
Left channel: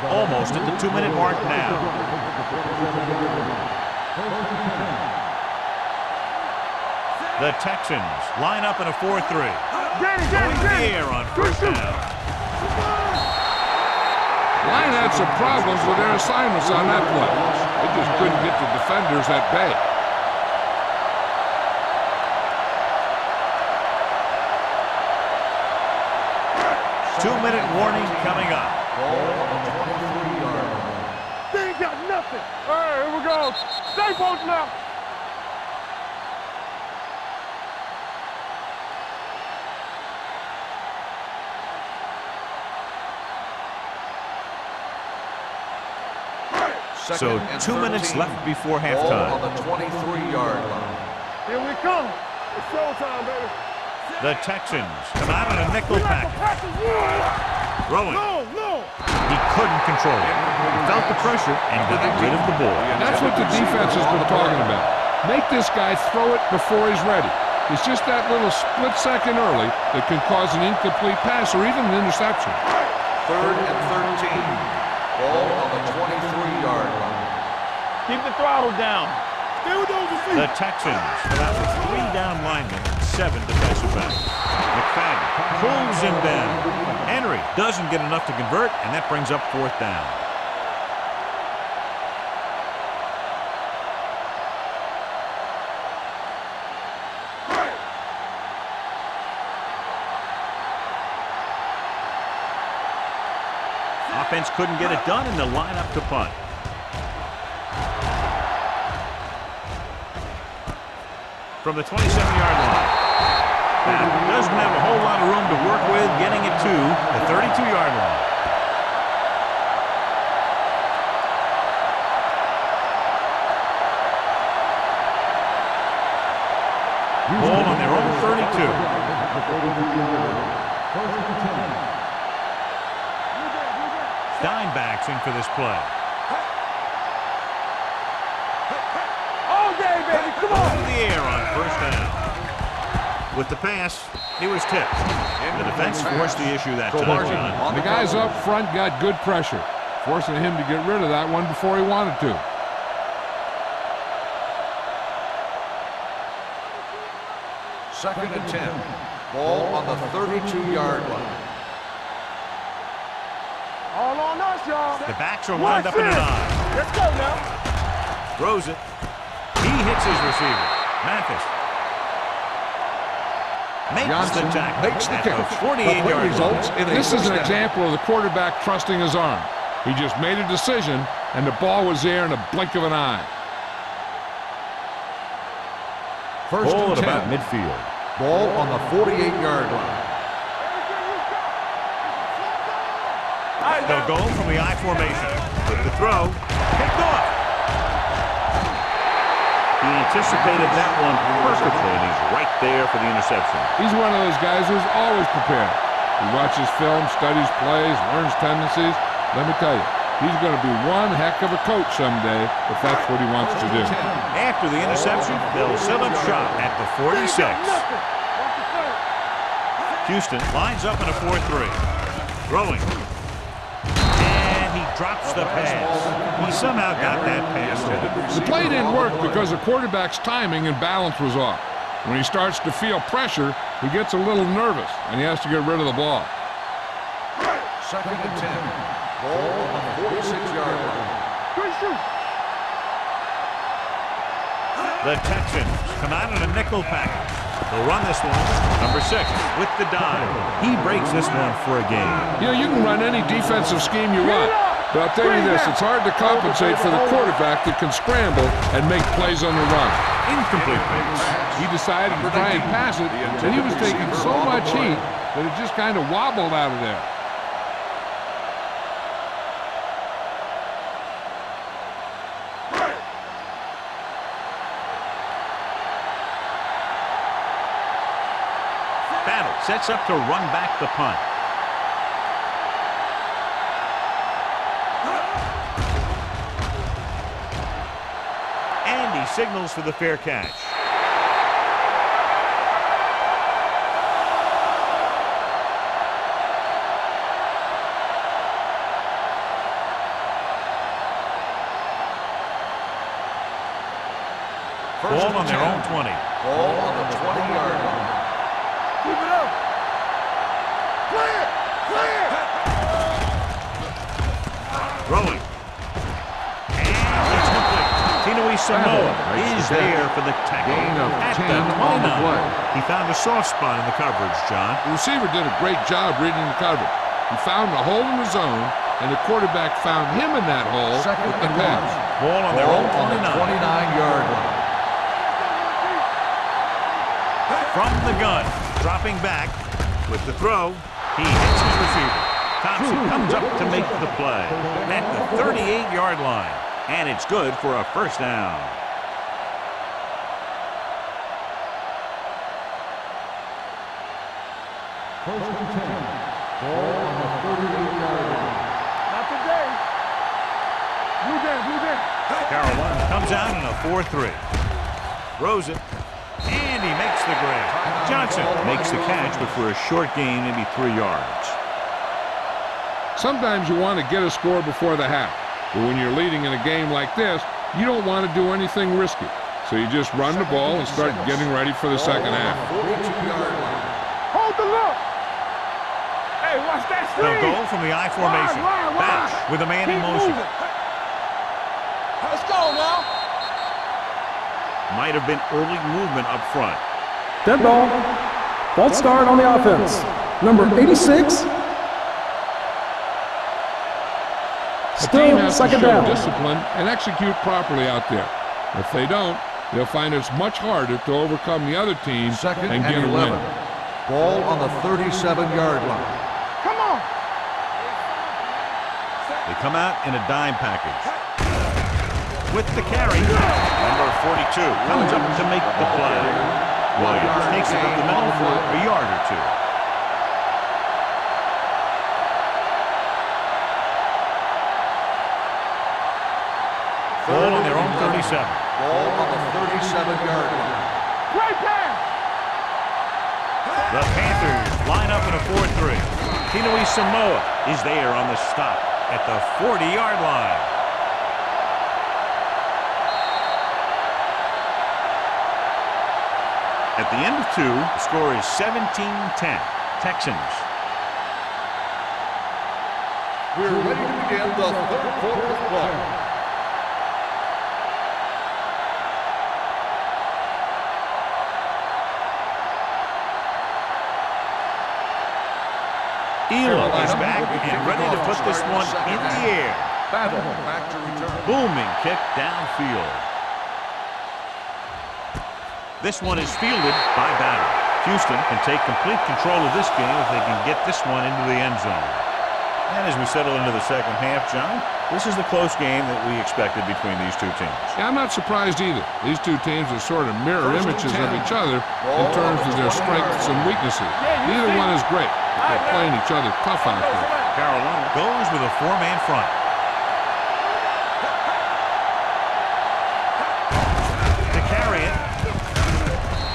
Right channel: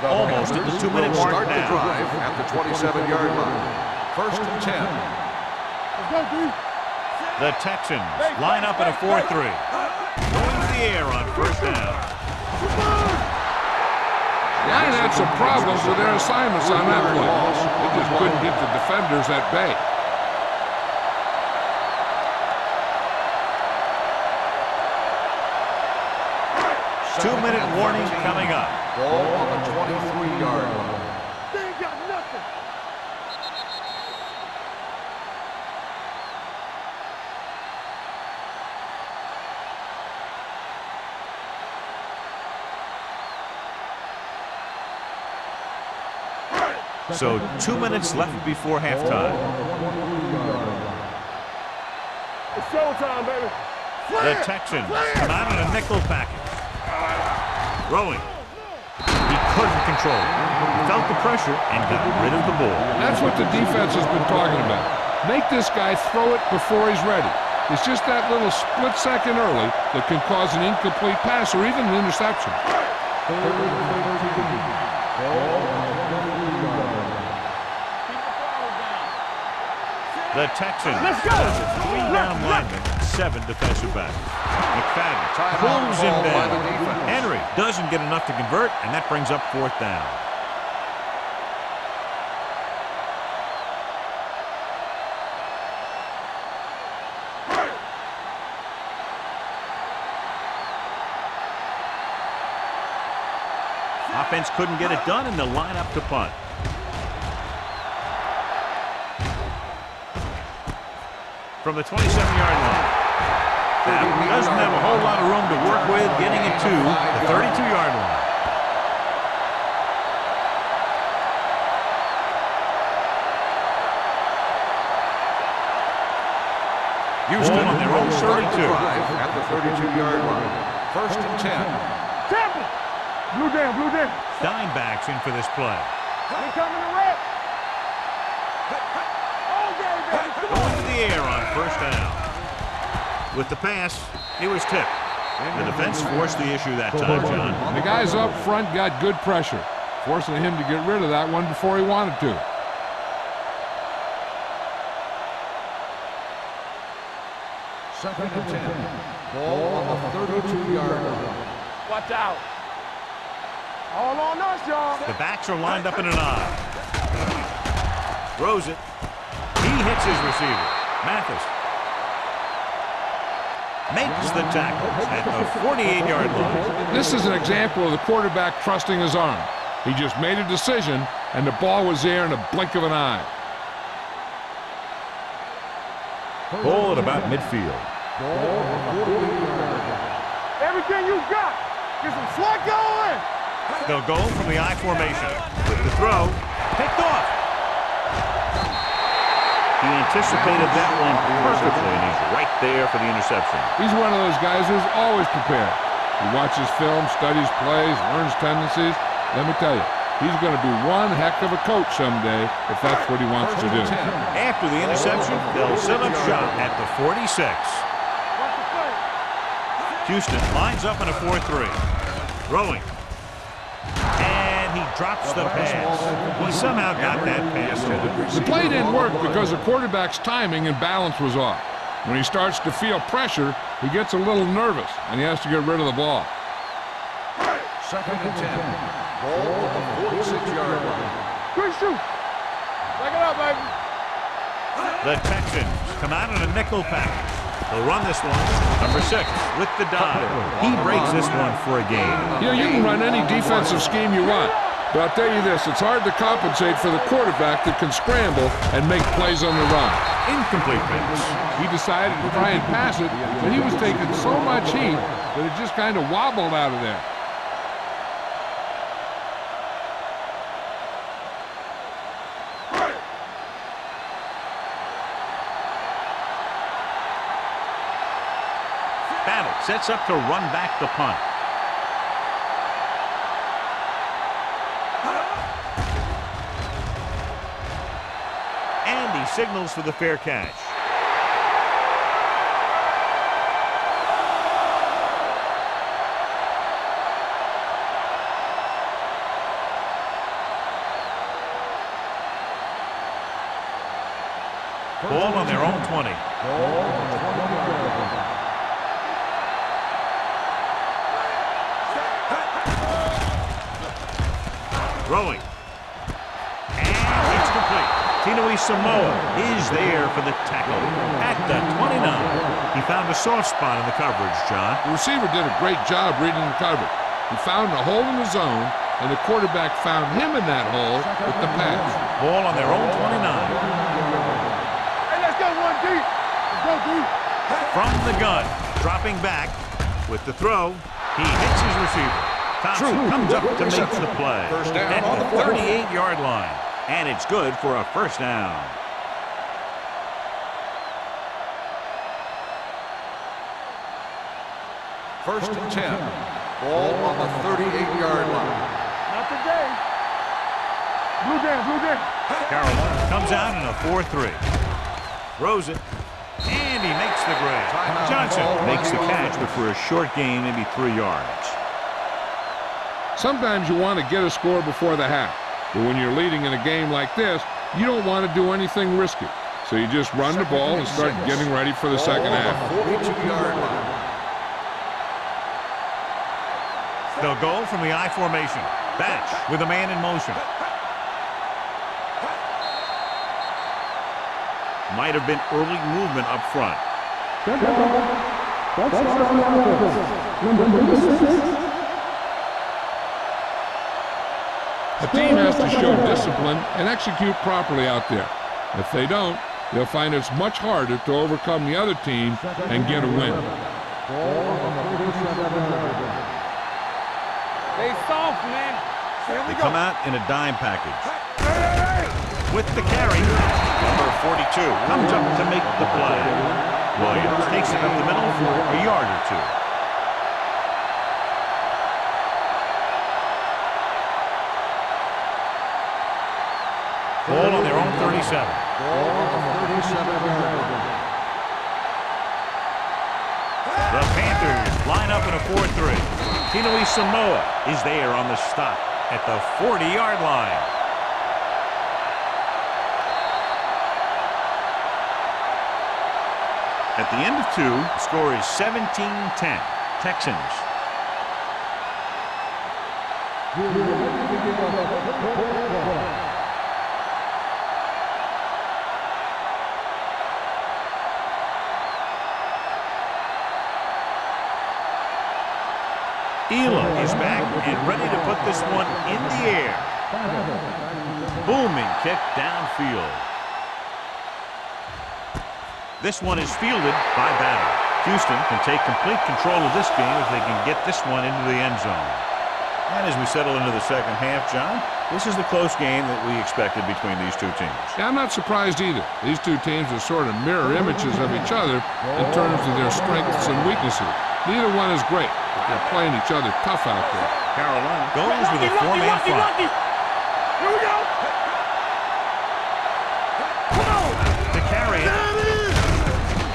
Almost at the 2-minute mark now. At the 27-yard line. First and 10. The Texans line up in a 4-3. Going to the air on first down. Line had some problems with their assignments on that play. They just couldn't get the defenders at bay. Two-minute warning coming up. Ball on the 23-yard line. They ain't got nothing. All right, here we go. Stay posted now. So 2 minutes left before halftime. Ball on the 23-yard line. Here we come. It's showtime, baby. The Texans come out in a nickel package. Throwing. He couldn't control it. He felt the pressure and got rid of the ball. That's what the defense has been talking about. Make this guy throw it before he's ready. It's just that little split second early that can cause an incomplete pass or even an interception. Third and 13. Ball on the 23-yard line. Keep the throttle down. The Texans come out with 3 down linemen and 7 defensive backs. McFadden pulls him down. Henry doesn't get enough to convert, and that brings up 4th down. Offense couldn't get it done, and they'll line up to punt. From the 27-yard line. Now, doesn't have a whole lot of room to work with, getting it to the 32-yard line. Ball on their own 32. At the 32-yard line. First and 10. Blue down. Dimebacks in for this play. All day, baby. Come Going on. to the air on first down. With the pass, he was tipped. The defense forced the issue that time, John. The guys up front got good pressure, forcing him to get rid of that one before he wanted to. Second and 10. Ball on the 32-yard line. Watch All on us, y'all. The backs are lined up in an I. Throws it. He hits his receiver. Mathis makes the tackle at the 48-yard line. This is an example of the quarterback trusting his arm. He just made a decision, and the ball was there in a blink of an eye. Ball at about midfield. Ball on the 48-yard line. Everything you got. Get some slack going. They'll go from the I formation. With the throw, picked off. He anticipated that one perfectly, and he's right there for the interception. He's one of those guys who's always prepared. He watches film, studies plays, learns tendencies. Let me tell you, he's going to be one heck of a coach someday if that's what he wants to do. After the interception, they'll set up shop at the 46. Houston lines up in a 4-3. Throwing. And he drops the pass. He somehow got that pass to him. The play didn't work because the quarterback's timing and balance was off. When he starts to feel pressure, he gets a little nervous, and he has to get rid of the ball. 2nd and 10. Ball on the 46-yard line. Good shoot. Back it up, baby. The Texans come out in a nickel package. They'll run this one. Number 6 with the dive. He breaks this one for a gain. You know, you can run any defensive scheme you want, but I'll tell you this, it's hard to compensate for the quarterback that can scramble and make plays on the run. Incomplete pass. He decided to try and pass it, and he was taking so much heat that it just kind of wobbled out of there. Battle sets up to run back the punt. And he signals for the fair catch. Ball on their own 20. Ball on the 20-yard line. Throwing. And it's complete. Tinui Samoa is there for the tackle at the 29. He found a soft spot in the coverage, John. The receiver did a great job reading the coverage. He found a hole in the zone, and the quarterback found him in that hole with the pass. Ball on their own 29. 29-yard line. Hey, let's go one deep. From the gun, dropping back with the throw. He hits his receiver. Thompson comes up to make the play at the 38-yard line. And it's good for a first down. First and 10. Ball on the 38-yard line. Not today. Blue down. Carolina comes out in a 4-3. Throws it. And he makes the grab. Johnson makes the catch, but for a short gain, maybe 3 yards. Sometimes you want to get a score before the half. But when you're leading in a game like this, you don't want to do anything risky. So you just run the ball and start getting ready for the second half. 42-yard line. Hold the look. Hey, watch that screen. They'll go from the I formation. Batch with a man in motion. Let's go now. Might have been early movement up front. Dead ball. False start on the offense. Number 86. A team has to Second show down. discipline and execute properly out there. If they don't, they'll find it's much harder to overcome the other team Second and get a win. 11. Ball on the 37-yard line. Come on. Stay soft, man. They come out in a dime package. With the carry, number 42 comes up to make the play. Williams takes it up the middle for a yard or two. Ball on their own 37. Ball on the 37-yard line. Great pass. The Panthers line up in a 4-3. Tinui Samoa is there on the stop at the 40-yard line. At the end of 2, the score is 17-10. Texans. We're ready to begin the third quarter of play. Elam is back and ready to put this one in the air. Battle back to return. Booming kick downfield. This one is fielded by Battle. Houston can take complete control of this game if they can get this one into the end zone. And as we settle into the second half, John, this is the close game that we expected between these two teams. Yeah, I'm not surprised either. These two teams are sort of mirror images of each other in terms of their strengths and weaknesses. Neither one is great, but they're playing each other tough out there. Carolina goes with a four-man front. To carry it,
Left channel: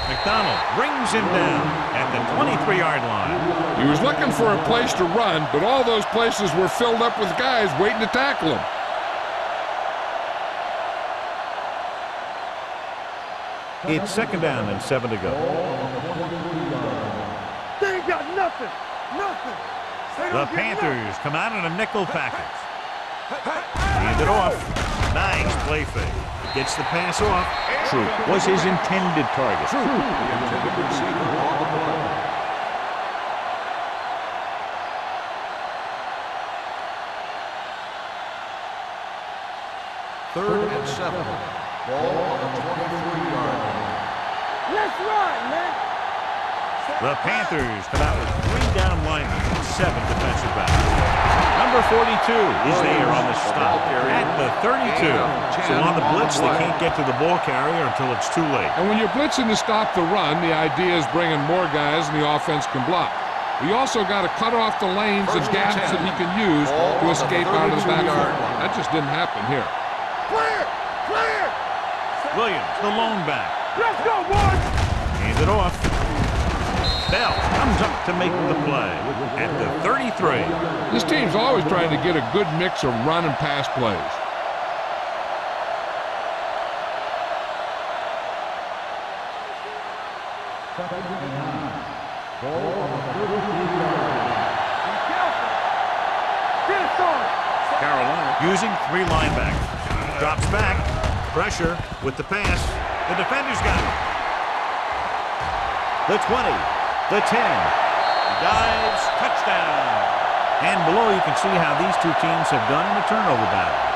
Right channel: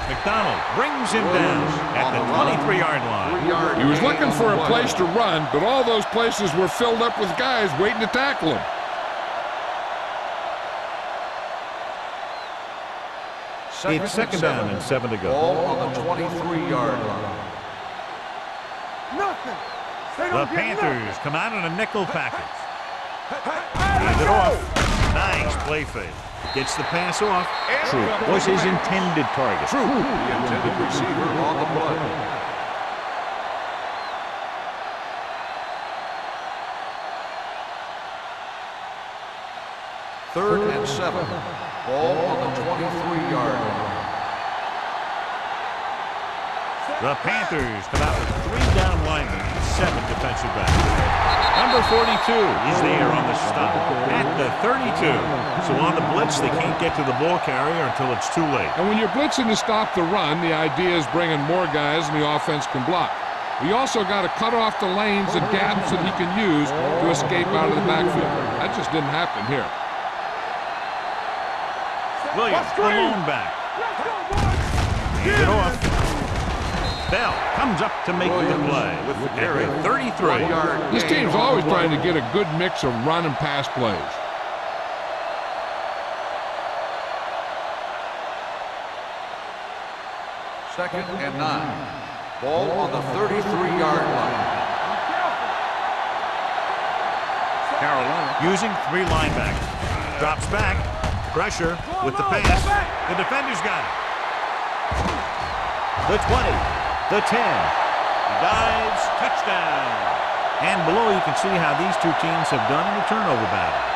McDonald brings him down at the 23-yard line. He was looking for a place to run, but all those places were filled up with guys waiting to tackle him. It's second down and 7 to go. Ball on the 23-yard line. They ain't got nothing. Nothing. They The don't get Panthers nothing. come out in a nickel package. Hand it off. Nice play fake. Gets the pass off. Troop was his intended target. Troop, the intended receiver on the play. Third and 7. Ball on the 23-yard line. Let's run, man. The Panthers come out with 3 down linemen and 7 defensive backs. Number 42 is there on the stop at the 32. So on the blitz, they can't get to the ball carrier until it's too late. And when you're blitzing to stop the run, the idea is bringing more guys than the offense can block. We also got to cut off the lanes and gaps that he can use to escape out of the backfield. That just didn't happen here. Clear. Clear. Williams, the lone back. Let's go, boys. Hands it off. Bell comes up to make the play at the 33. This team's always trying to get a good mix of run and pass plays. Second and 9. Ball on the 33-yard line. Be careful. Get it started. Carolina using 3 linebackers. Drops back. Pressure with the pass. The defender's got it. The 20. The 10. He dives. Touchdown. And below you can see how these two teams have done in the turnover battle.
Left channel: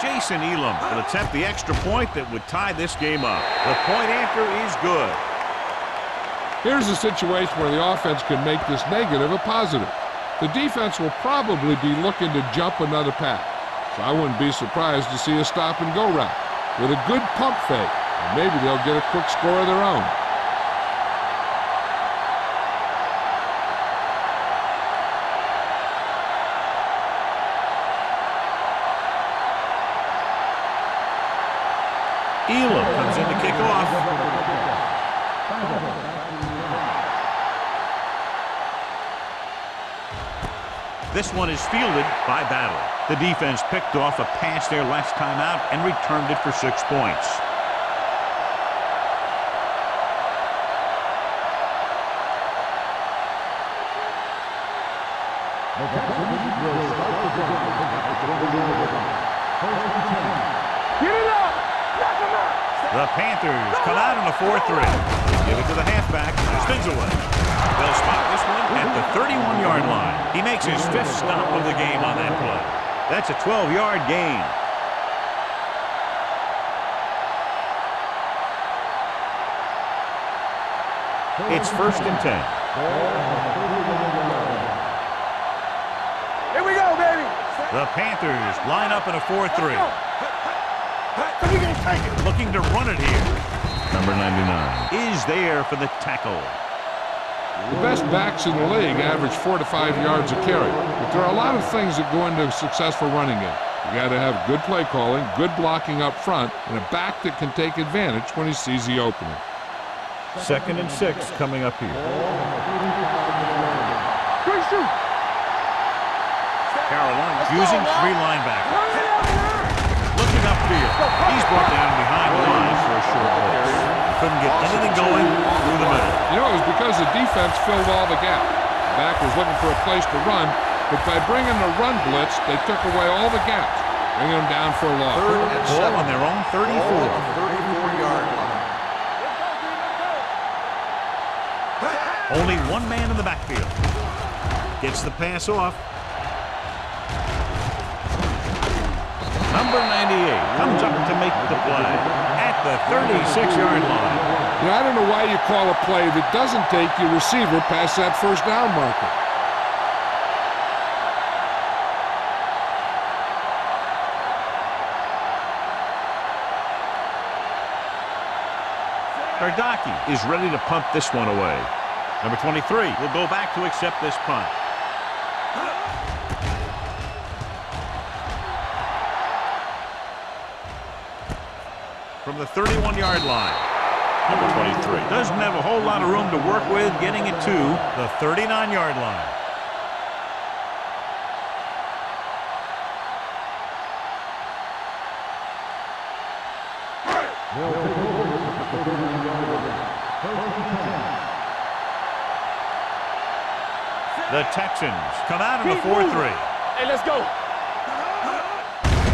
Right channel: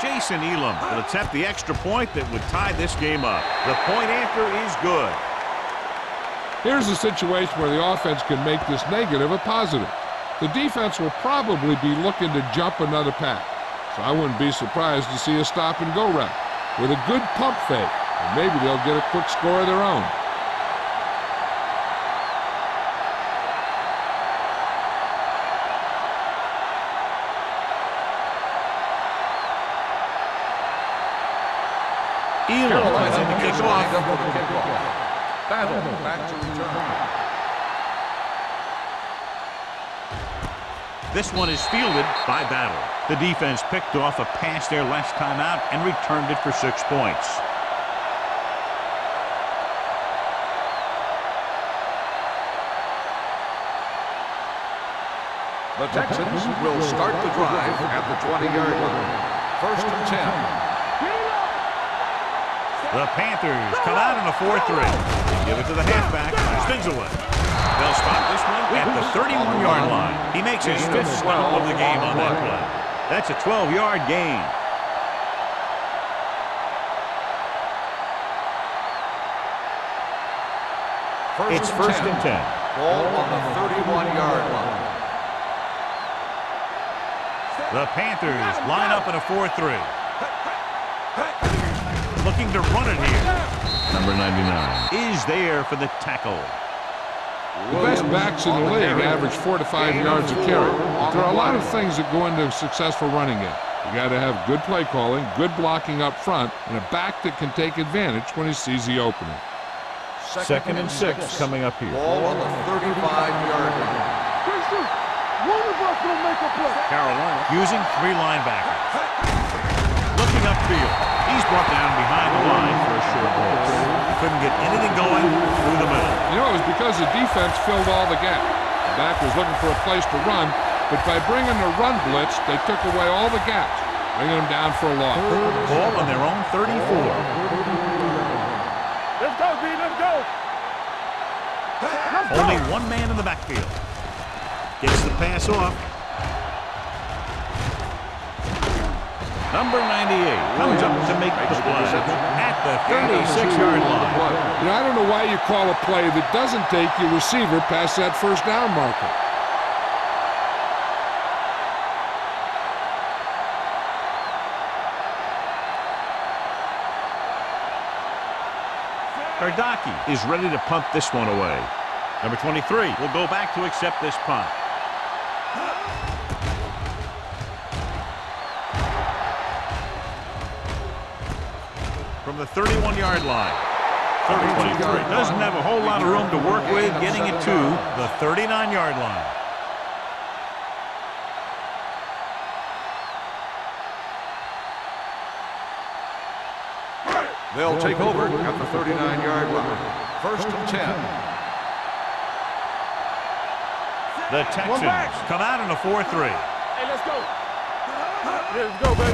Jason Elam will attempt the extra point that would tie this game up. The point after is good. Here's a situation where the offense can make this negative a positive. The defense will probably be looking to jump another pack, so I wouldn't be surprised to see a stop-and-go route with a good pump fake, and maybe they'll get a quick score of their own. Elam comes in to kick off. This one is fielded by Battle. The defense picked off a pass there last time out and returned it for 6 points. The Texans will start the drive at the 20-yard line. First and 10. Get it up. Knock him out. The Panthers come out in a 4-3. They give it to the halfback. Spins away. They'll spot this one at the 31-yard line. He makes his 5th stop of the game on that play. That's a 12-yard gain. It's first and 10. Ball on the 31-yard line. Here we go, baby. The Panthers line up in a 4-3. Looking to run it here. Number 99 is there for the tackle. The best backs in the league average 4 to 5 yards a carry, but there are a lot of things that go into a successful running game. You got to have good play calling, good blocking up front, and a back that can take advantage when he sees the opening. 2nd and 6 coming up here. Ball on the 35-yard line. Great shoot. One of us will make a play. Carolina using 3 linebackers. Looking upfield. He's brought down behind the line for a short loss. He couldn't get anything going through the middle. You know, it was because the defense filled all the gaps. The back was looking for a place to run, but by bringing the run blitz, they took away all the gaps, bringing them down for a loss. Ball on their own 34. 34-yard line. Let's go, B. Let's go. Only one man in the backfield. Gets the pass off. Number 98 comes up to make the play at the 36-yard line. You know, I don't know why you call a play that doesn't take your receiver past that first down marker. Gardocki is ready to punt this one away. Number 23 will go back to accept this punt. From the 31-yard line. Number 23 doesn't have a whole lot of room to work with, getting it to the 39-yard line. They'll take over at the 39-yard line. 1st and 10. The Texans come out in a 4-3. Hey, let's go. Let's go, baby.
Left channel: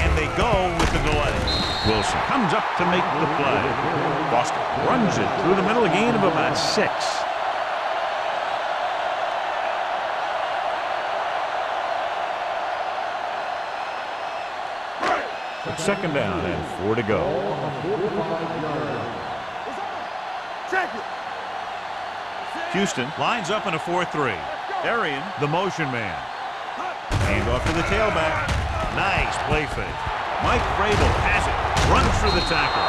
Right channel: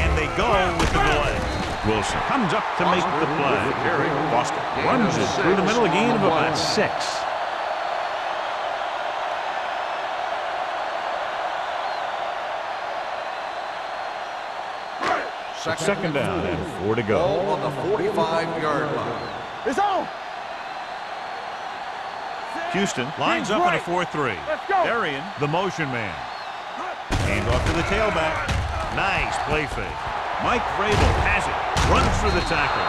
And they go with the delay. Wilson comes up to make the play. Foster runs it through the middle, a gain of about 6. It's 2nd down and 4 to go. Ball on the 45-yard line. It's on. Check it. Houston lines up in a 4-3. Darian, the motion man. Hand off to the tailback. Nice play fake. Mike Vrabel has it. Runs through the tackle.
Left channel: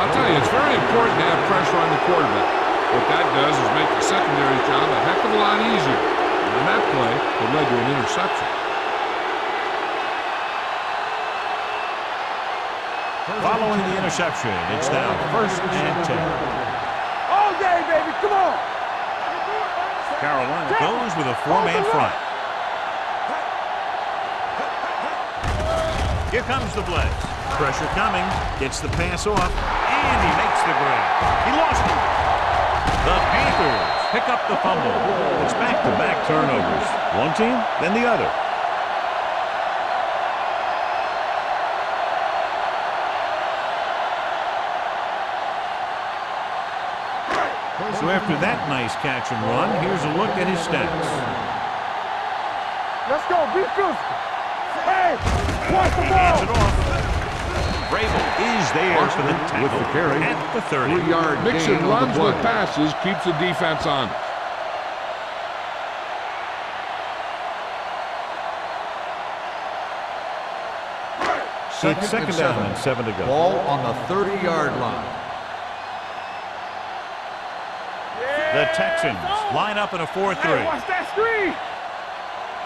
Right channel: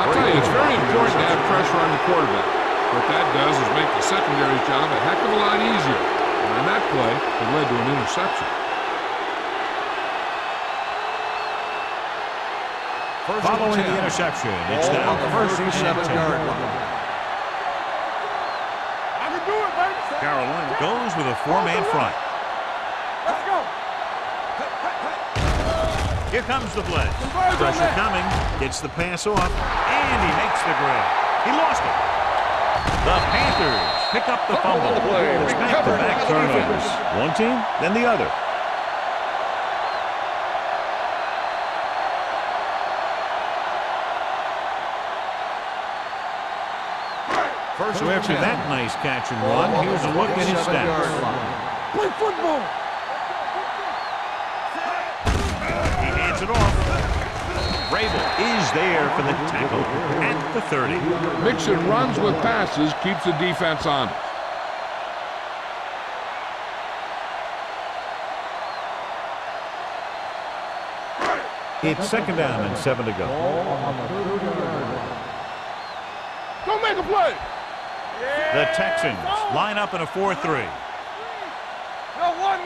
I'll tell you, it's very important to have pressure on the quarterback. What that does is make the secondary's job a heck of a lot easier. And on that play, it led to an interception. Following the interception, it's now 1st and 10. All day, baby. Come on. I can do it, baby. Carolina goes with a 4-man front. Here comes the blitz. Pressure coming. Gets the pass off. And he makes the grab. He lost it. The Panthers pick up the fumble. It's back-to-back turnovers. One team, then the other. So after that nice catch and run, here's a look at his stats. Play football. Let's go. Be good. Hey. He hands it off. Vrabel is there for the tackle at the 30. Mixing runs with passes keeps the defense honest. It's 2nd down and 7 to go. Ball on the 30-yard line. Don't make a play. The Texans line up in a 4-3. Watch that screen. No, one.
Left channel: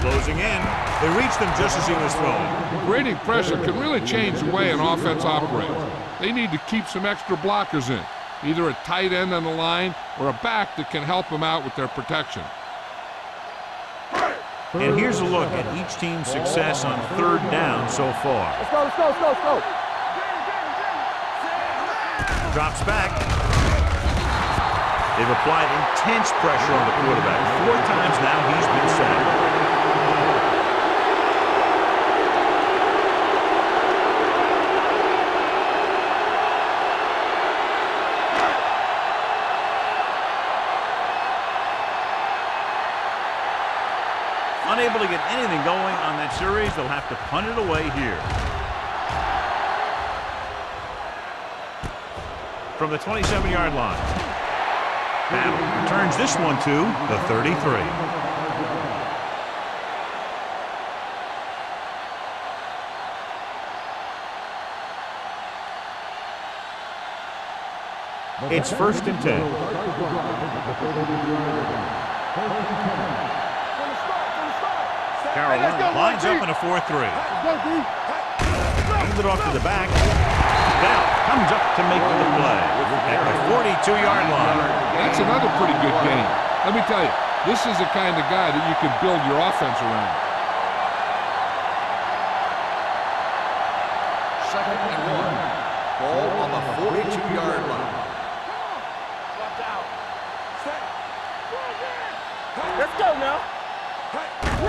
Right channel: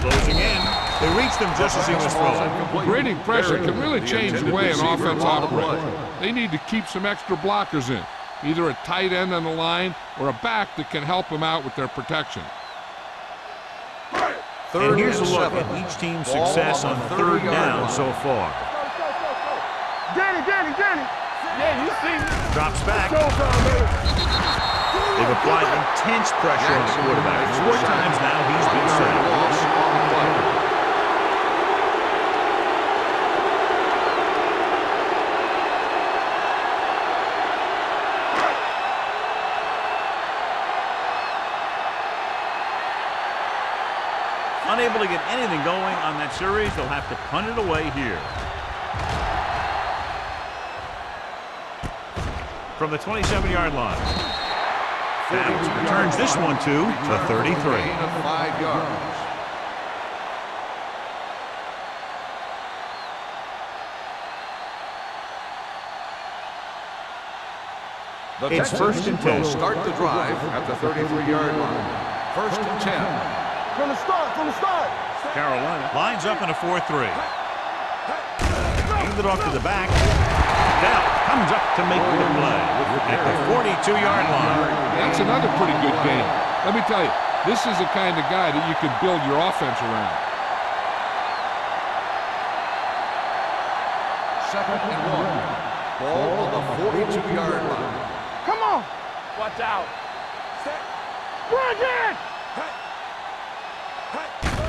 Closing in. They reached him just as he was throwing. Creating pressure can really change the way an offense operates. They need to keep some extra blockers in, either a tight end on the line or a back that can help them out with their protection. And here's a look at each team's success on 3rd down so far. Let's go, let's go, let's go, let's go. Danny. Drops back. They've applied intense pressure on the quarterback. 4 times now he's been sacked. Unable to get anything going on that series, they'll have to punt it away here. From the 27-yard line. Battles returns this one to the 33. It's first and 10. Will start the drive at the 33-yard line. First and 10. From the start, from the start. Carolina lines up in a 4-3. Hands it off to the back. Now comes up to make the play at the 42-yard line. That's another pretty good game. Let me tell you, this is the kind of guy that you can build your offense around. Second and 1. Ball on the 42-yard line. Come on. Watch out. Set. Run again. Let's go now.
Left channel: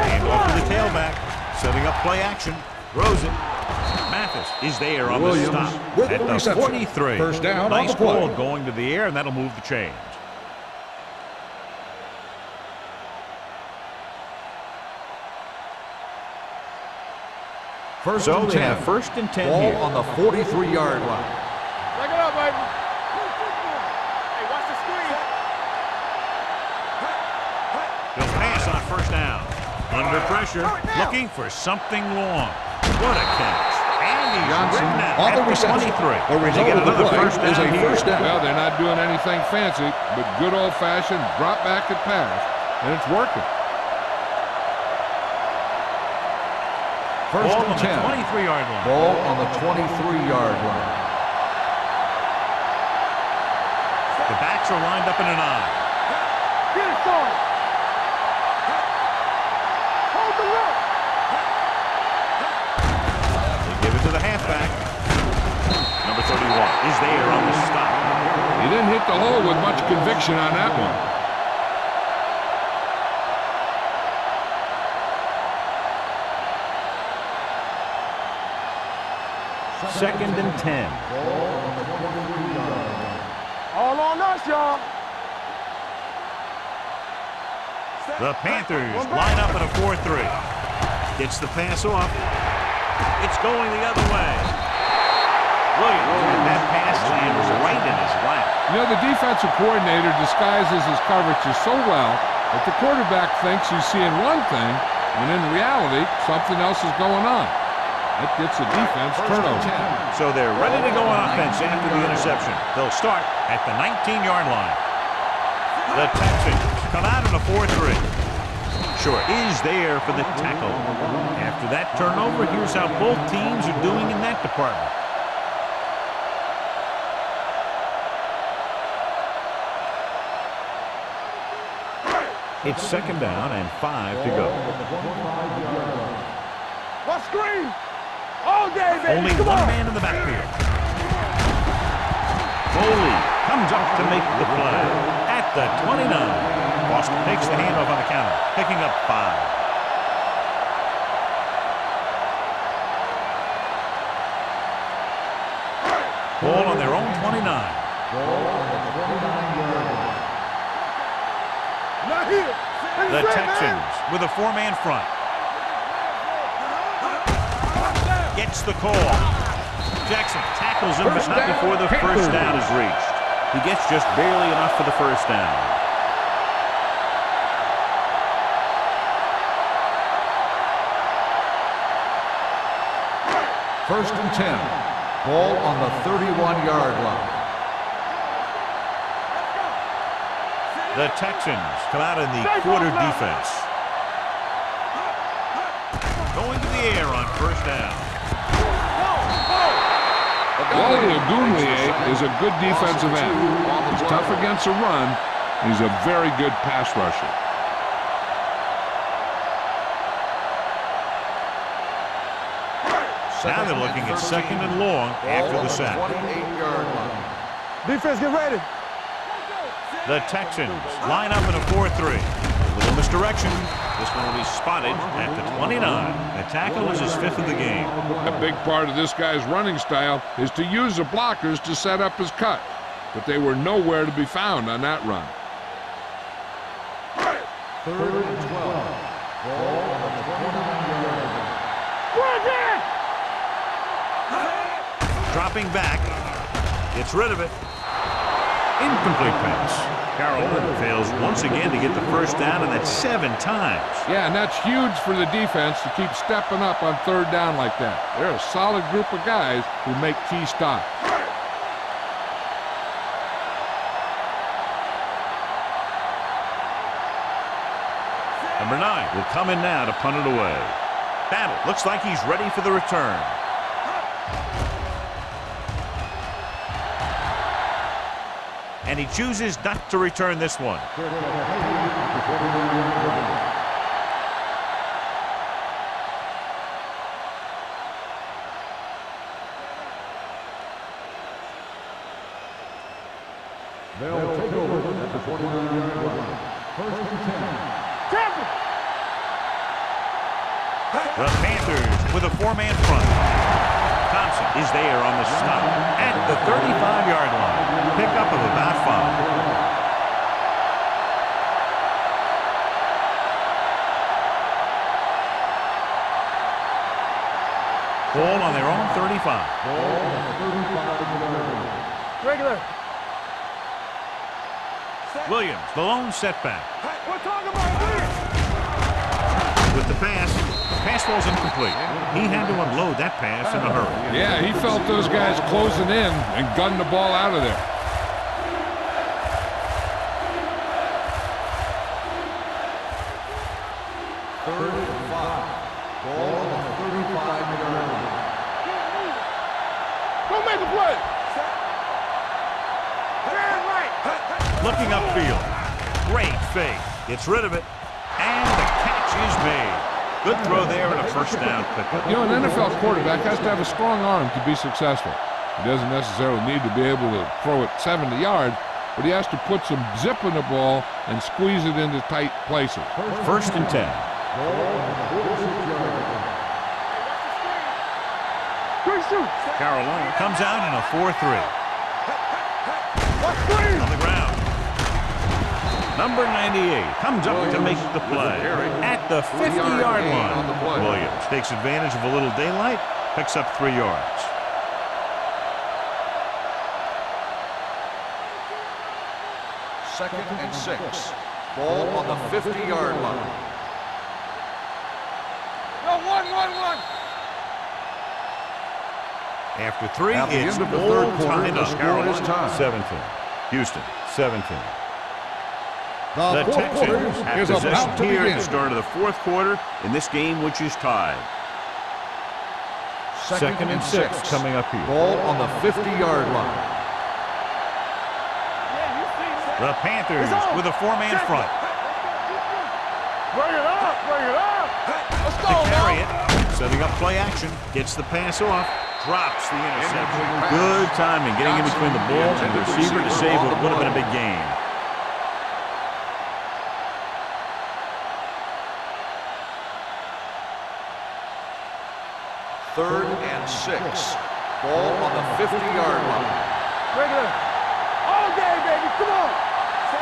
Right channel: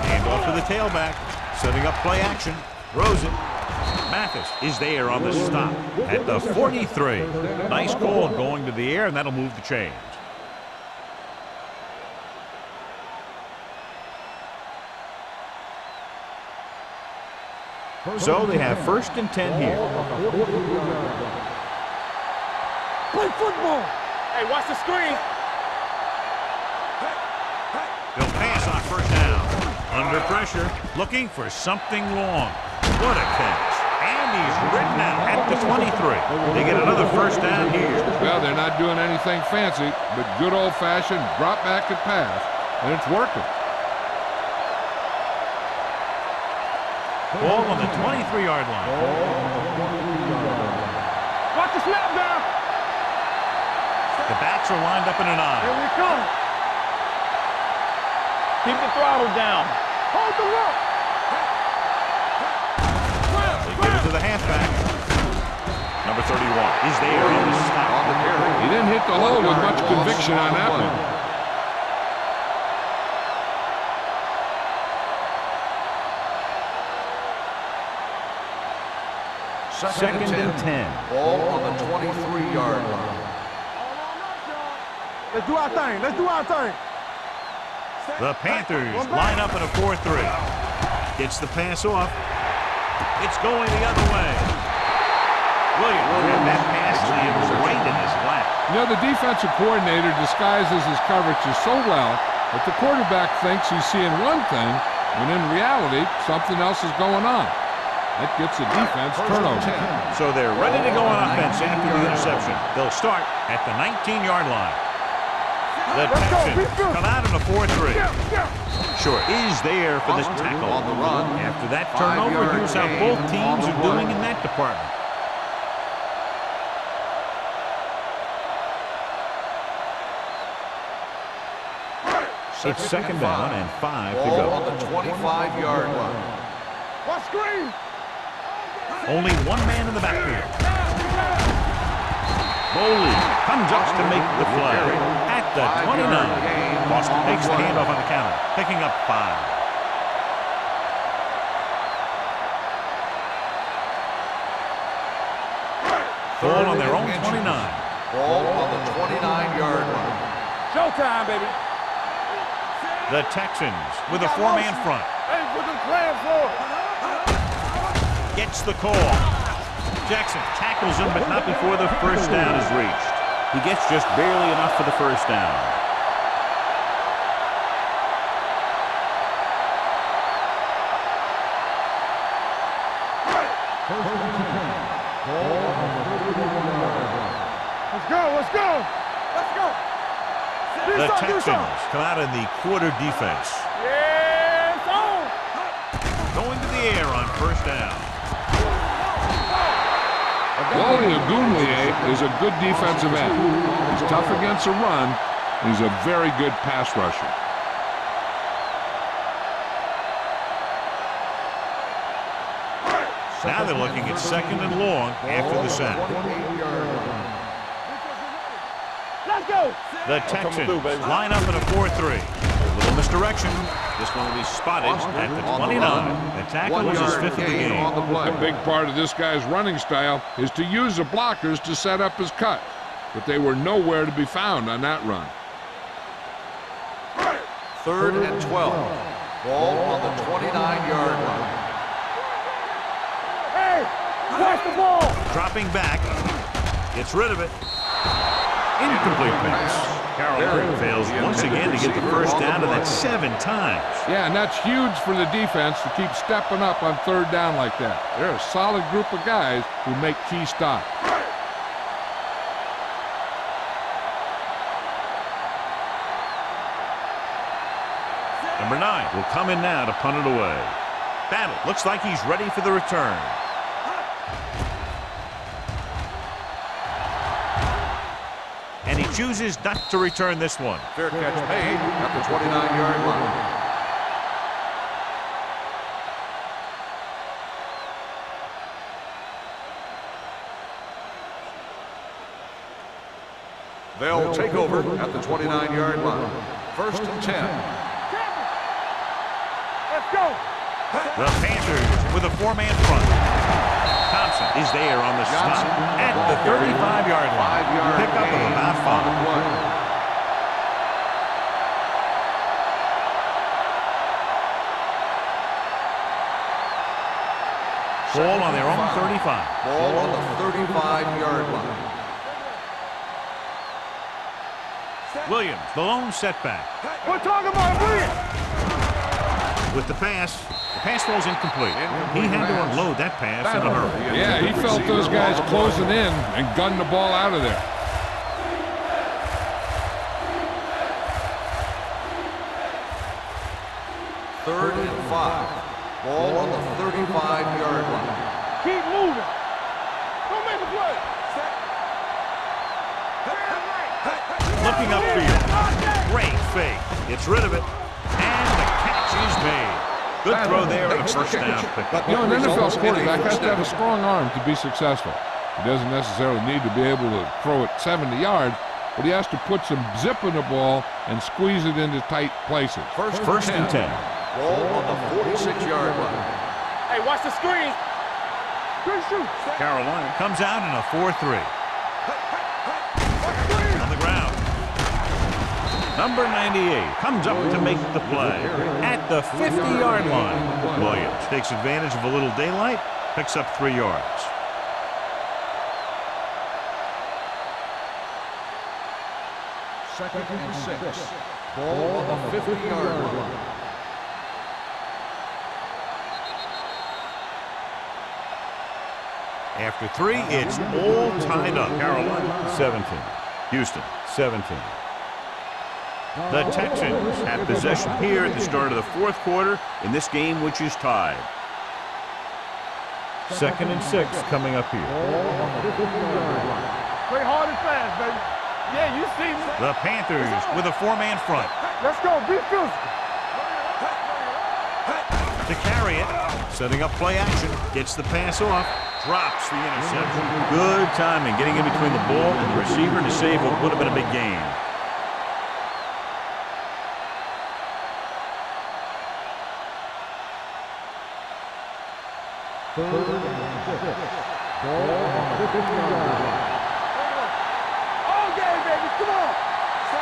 Hand off to the tailback. Setting up play action. Throws it. Mathis is there on the stop at the 43. Nice call going to the air, and that'll move the chains. So they have first and 10 here. On the 43-yard line. Back it up, baby. Play football. Hey, watch the screen. They'll pass on first down. Under pressure, looking for something long. What a catch. And he's ridden out at the 23. They get another first down here. Well, they're not doing anything fancy, but good old-fashioned drop back and pass, and it's working. Ball on the 23-yard line. Ball on the 23-yard line. Watch the snap down. The backs are lined up in an Here eye. we go. Get it going. Keep the throttle down. Hold the look. They give it to the halfback. Number 31 is there on the stop. He didn't hit the hole with much conviction on that one. Second and 10. Ball on the 23-yard line. All on us, y'all. Let's do our thing. Let's do our thing. The Panthers line up in a 4-3. Gets the pass off. It's going the other way. Williams had that pass land right in his lap. You know, the defensive coordinator disguises his coverages so well that the quarterback thinks he's seeing one thing, when in reality, something else is going on. That gets the defense turnover. So they're ready to go on offense after the interception. They'll start at the 19-yard line. The Texans come out in a 4-3. Short is there for the tackle. After that turnover, here's how both teams are doing in that department. It's second down and 5 to go. On the 25-yard line. What screen? All day, baby. Only Come one on. man in the backfield. Foley comes up to make the play at the 29. Boston takes the handoff on the counter, picking up 5. Ball on their own 29. Ball on the 29-yard line. Showtime, baby. Not here. The Texans with a 4-man front. Hey, put the plan for. Gets the call. Jackson tackles him, but not before the first down is reached. He gets just barely enough for the first down. First and 10. Ball on the 31-yard line. Let's go, let's go. Let's go. The Texans come out in the quarter defense. Going to the air on first down. Wally Ogunleye is a good defensive end. He's tough against the run. He's a very good pass rusher. Now they're looking at second and long after the sack. 28-yard line. Defense, get ready. Let's go. The Texans line up in a 4-3. A little misdirection. This one will be spotted at the 29. The tackle is his 5th of the game. A big part of this guy's running style is to use the blockers to set up his cut, but they were nowhere to be found on that run. Third and 12. Ball on the 29-yard line. Dropping back. Gets rid of it. Incomplete pass. Carolina fails once again to get the first down, and that's 7 times. Yeah, and that's huge for the defense to keep stepping up on third down like that. They're a solid group of guys who make key stops. Number 9 will come in now to punt it away. Battle looks like he's ready for the return. And he chooses not to return this one. Fair catch made at the 29-yard line. They'll take over at the 29-yard line. First and 10. Tampa! Let's go! The Panthers with a 4-man front. Thompson is there on the stop at the 35-yard line. Pickup of about 5. Ball on their own 35. Ball on the 35-yard line. Regular. Williams, the lone setback. We're talking about Williams. With the pass falls incomplete. He had to unload that pass in a hurry. Yeah, he felt those guys closing in and gunned the ball out of there. Third and 5. Ball on the 35-yard line. Keep moving. Don't make a play. Set. Turn right. Looking upfield. Great fake. Gets rid of it. And the catch is made. Good throw there and a first down pickup. You know, an NFL quarterback has to have a strong arm to be successful. He doesn't necessarily need to be able to throw it 70 yards, but he has to put some zip in the ball and squeeze it into tight places. First and 10. Ball on the 46-yard line. Hey, watch the screen. Good shoot. Carolina comes out in a 4-3. Watch screen. On the ground. Number 98 comes up to make the play at the 50-yard line. Williams takes advantage of a little daylight, picks up 3 yards. Second and 6. Ball on the 50-yard line. No, one. After 3, it's all tied up. Carolina 17. Houston 17. The Texans have possession here at the start of the 4th quarter in this game, which is tied. Second and 6 coming up here. Ball on the 50-yard line. Play hard and fast, baby. Yeah, you see me. The Panthers with a 4-man front. Let's go. Be physical. Bring it up. Bring it up. Let's To go. carry it, setting up play action, gets the pass off, drops the interception. Good timing, getting in between the ball and the receiver to save what would have been a big gain. Third and 6. Ball on the 50-yard line. Regular. All day, baby. Come on.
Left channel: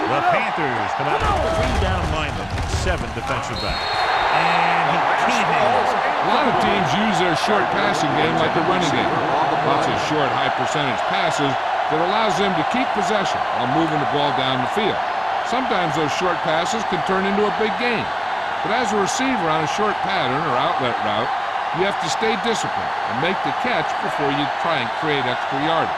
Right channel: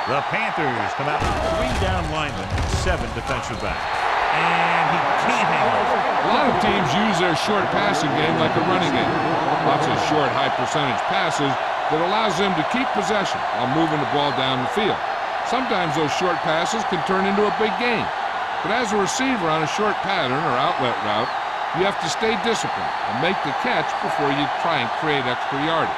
The Panthers come out with 3 down linemen and 7 defensive backs. And he can't hang on. A lot of teams use their short passing game like a running game. Lots of short, high-percentage passes that allows them to keep possession while moving the ball down the field. Sometimes those short passes can turn into a big gain. But as a receiver on a short pattern or outlet route, you have to stay disciplined and make the catch before you try and create extra yardage.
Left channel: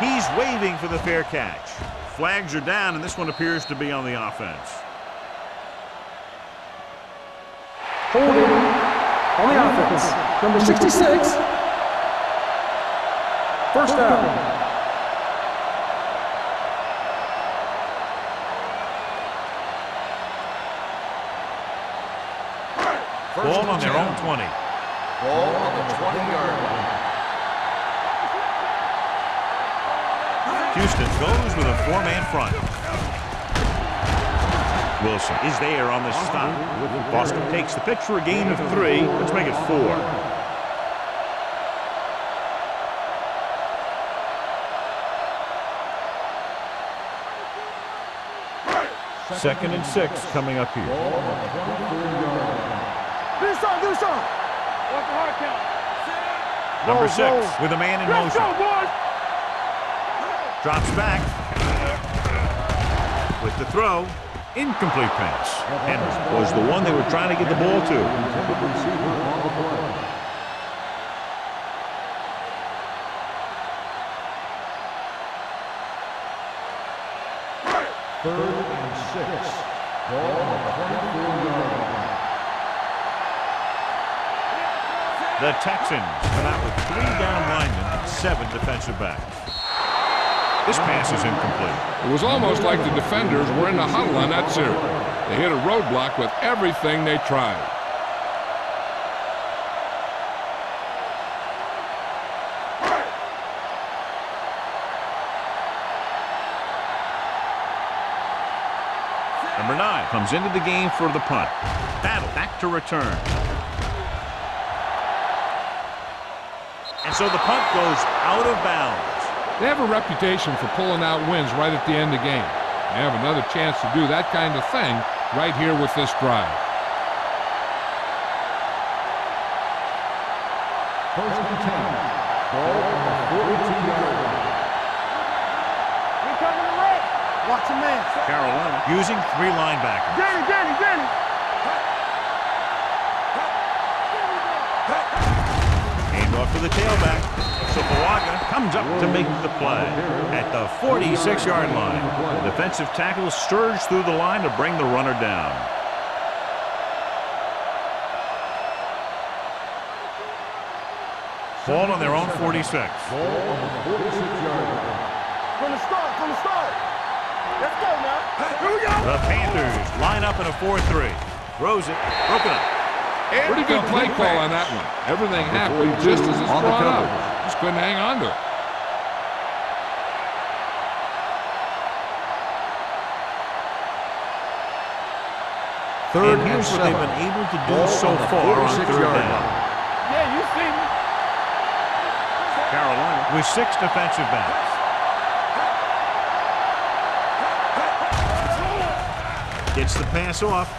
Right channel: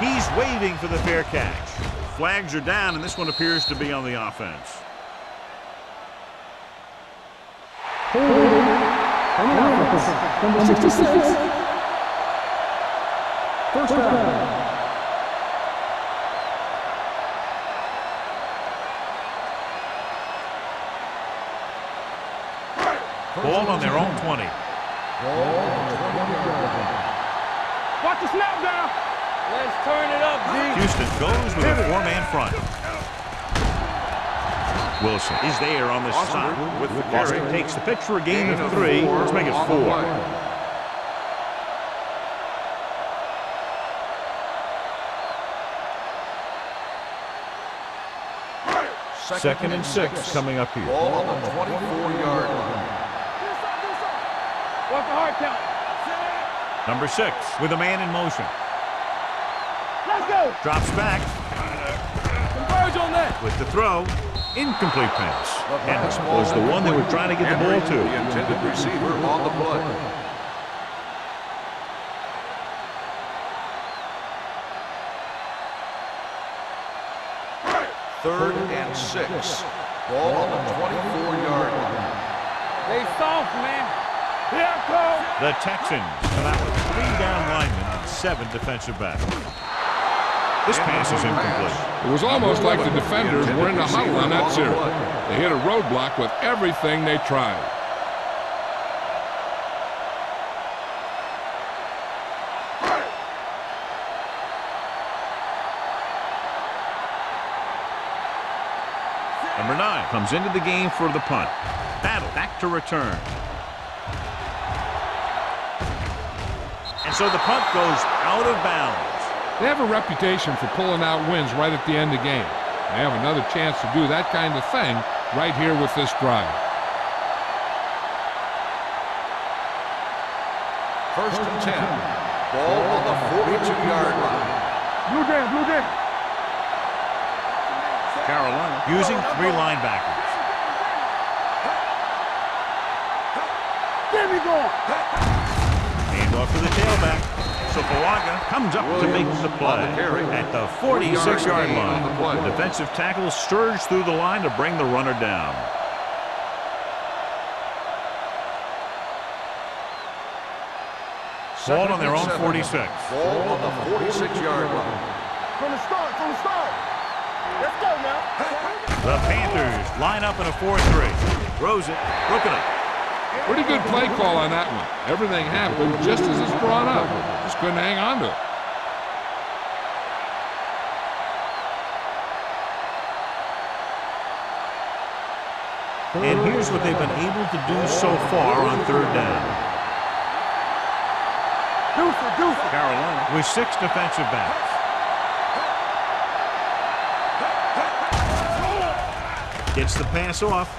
He's waving for the fair catch. Flags are down, and this one appears to be on the offense. Holding on the offense. Number 66. First down. Ball on their own 20. Ball on the 20-yard line. Watch the snap down. Let's turn it up. Houston goes with a 4-man front. Wilson is there on the stop. Boston takes the pitch for a gain of 3. Let's make it 4. Second and 6 coming up here. Ball on the 24-yard line. Do some. Watch the hard count. Number 6 with a man in motion. Let's go, boys. Let's go. Drops back with the throw. Incomplete pass. Henry was the one they were trying to get the ball to. The intended receiver on the play. 3rd and 6. Ball on the 24-yard line. Stay soft, man. The Texans come out with 3 down linemen and 7 defensive backs. This pass is incomplete. It was almost like the defenders were in the huddle on that series. They hit a roadblock with everything they tried. Number 9 comes into the game for the punt. Battle back to return. And so the punt goes out of bounds. They have a reputation for pulling out wins right at the end of the game. They have another chance to do that kind of thing right here with this drive. 1st and 10. Ball on the 42-yard line. Blue jam, blue jam. You're coming away. Watch your man. Carolina using 3 linebackers. Danny. There we go. Hand off to the tailback. So Fuaga comes up to make the play at the 46-yard line. The defensive tackle surged through the line to bring the runner down. Ball on their own 46. Ball on the 46-yard line. From the start. Let's go now. The Panthers line up in a 4-3. Throws it, broken up. Pretty good play call on that one. Everything happened just as it's drawn up. Just couldn't hang on to it. And here's what they've been able to do so far on 3rd down. Yeah, you see me. Deuce. Carolina with 6 defensive backs. Gets the pass off.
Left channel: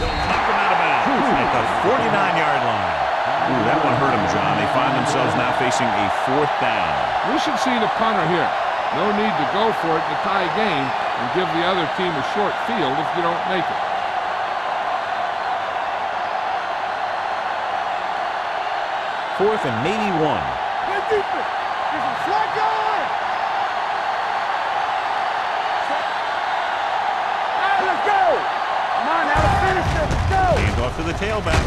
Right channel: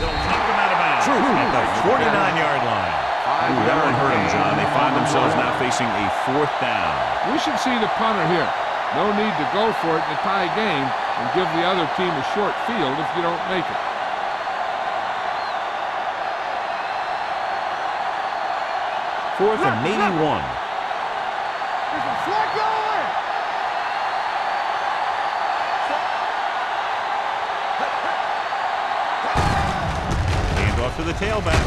They'll knock him out of bounds at the 49-yard line. Ooh, that one hurt them, John. They find themselves now facing a 4th down. We should see the punter here. No need to go for it in a tie game and give the other team a short field if you don't make it. Fourth and maybe 1. There's some slack going. Let's go. Hand off to the tailback.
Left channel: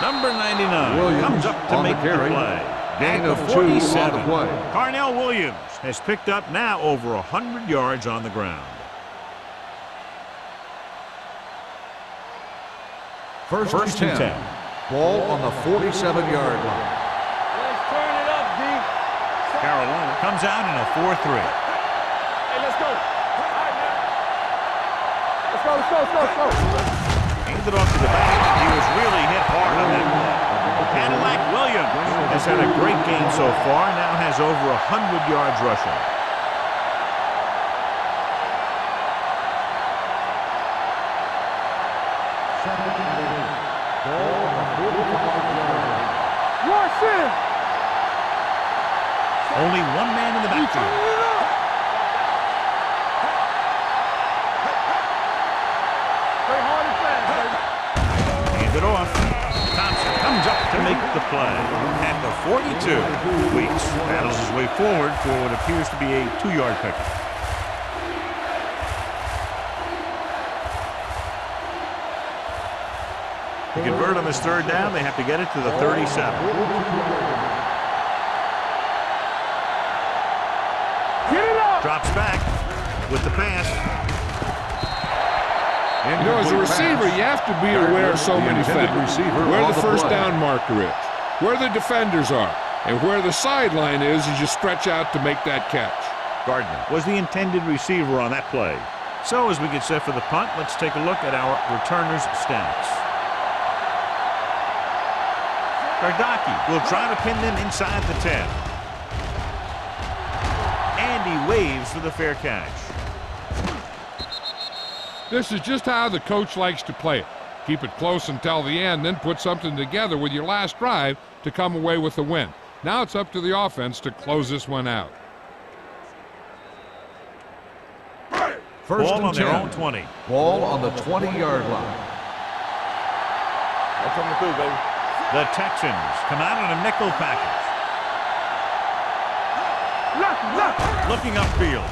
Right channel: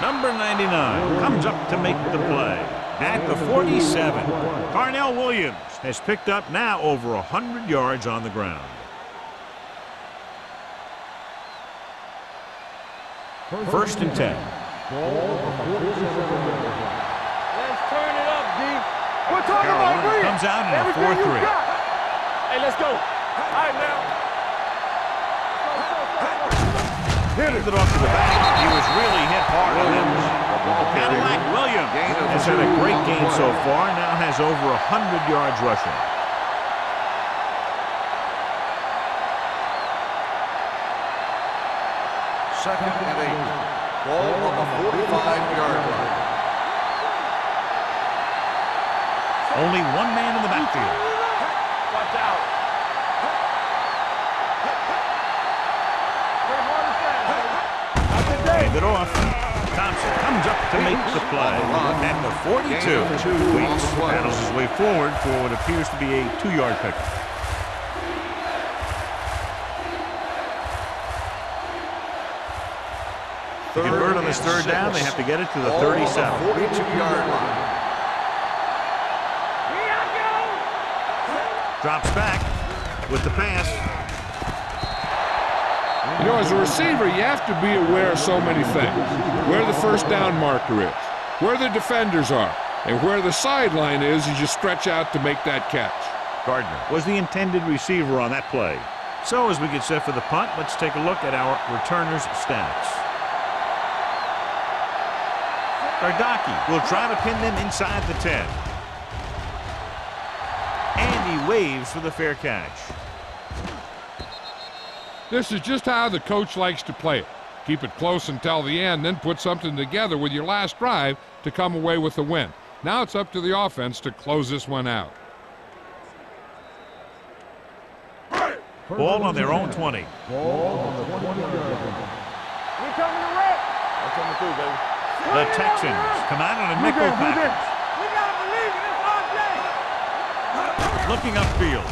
Number 99 comes up to make the play. At the 47, Carnell Williams has picked up now over 100 yards on the ground. First and 10. Ball on the 47-yard line. Let's turn it up, D. Carolina comes out in a 4-3. Hey, let's go. All right, now. Let's go. Handed off to the back. He was really hit hard on that play. Cadillac Williams has had a great game so far, now has over 100 yards rushing. Second and 8. Ball on the 45-yard line. Only 1 man in the backfield. Watch out. Play hard and fast, baby. Hand it off. Thompson comes up to make the play at the 42. Weeks battles his way forward for what appears to be a 2-yard pickup. To convert on this 3rd down, they have to get it to the 37. 42-yard line. Drops back with the pass. You know, as a receiver, you have to be aware of so many things. Where the first down marker is, where the defenders are, and where the sideline is as you stretch out to make that catch. Gardner was the intended receiver on that play. So as we get set for the punt, let's take a look at our returners' stats. Gardaki will try to pin them inside the 10. And he waves for the fair catch. This is just how the coach likes to play it. Keep it close until the end, then put something together with your last drive to come away with the win. Now it's up to the offense to close this one out. Ball on their own 20. Ball on the 20-yard line. I'm coming through, baby. The Texans come out in a nickel package. Looking upfield.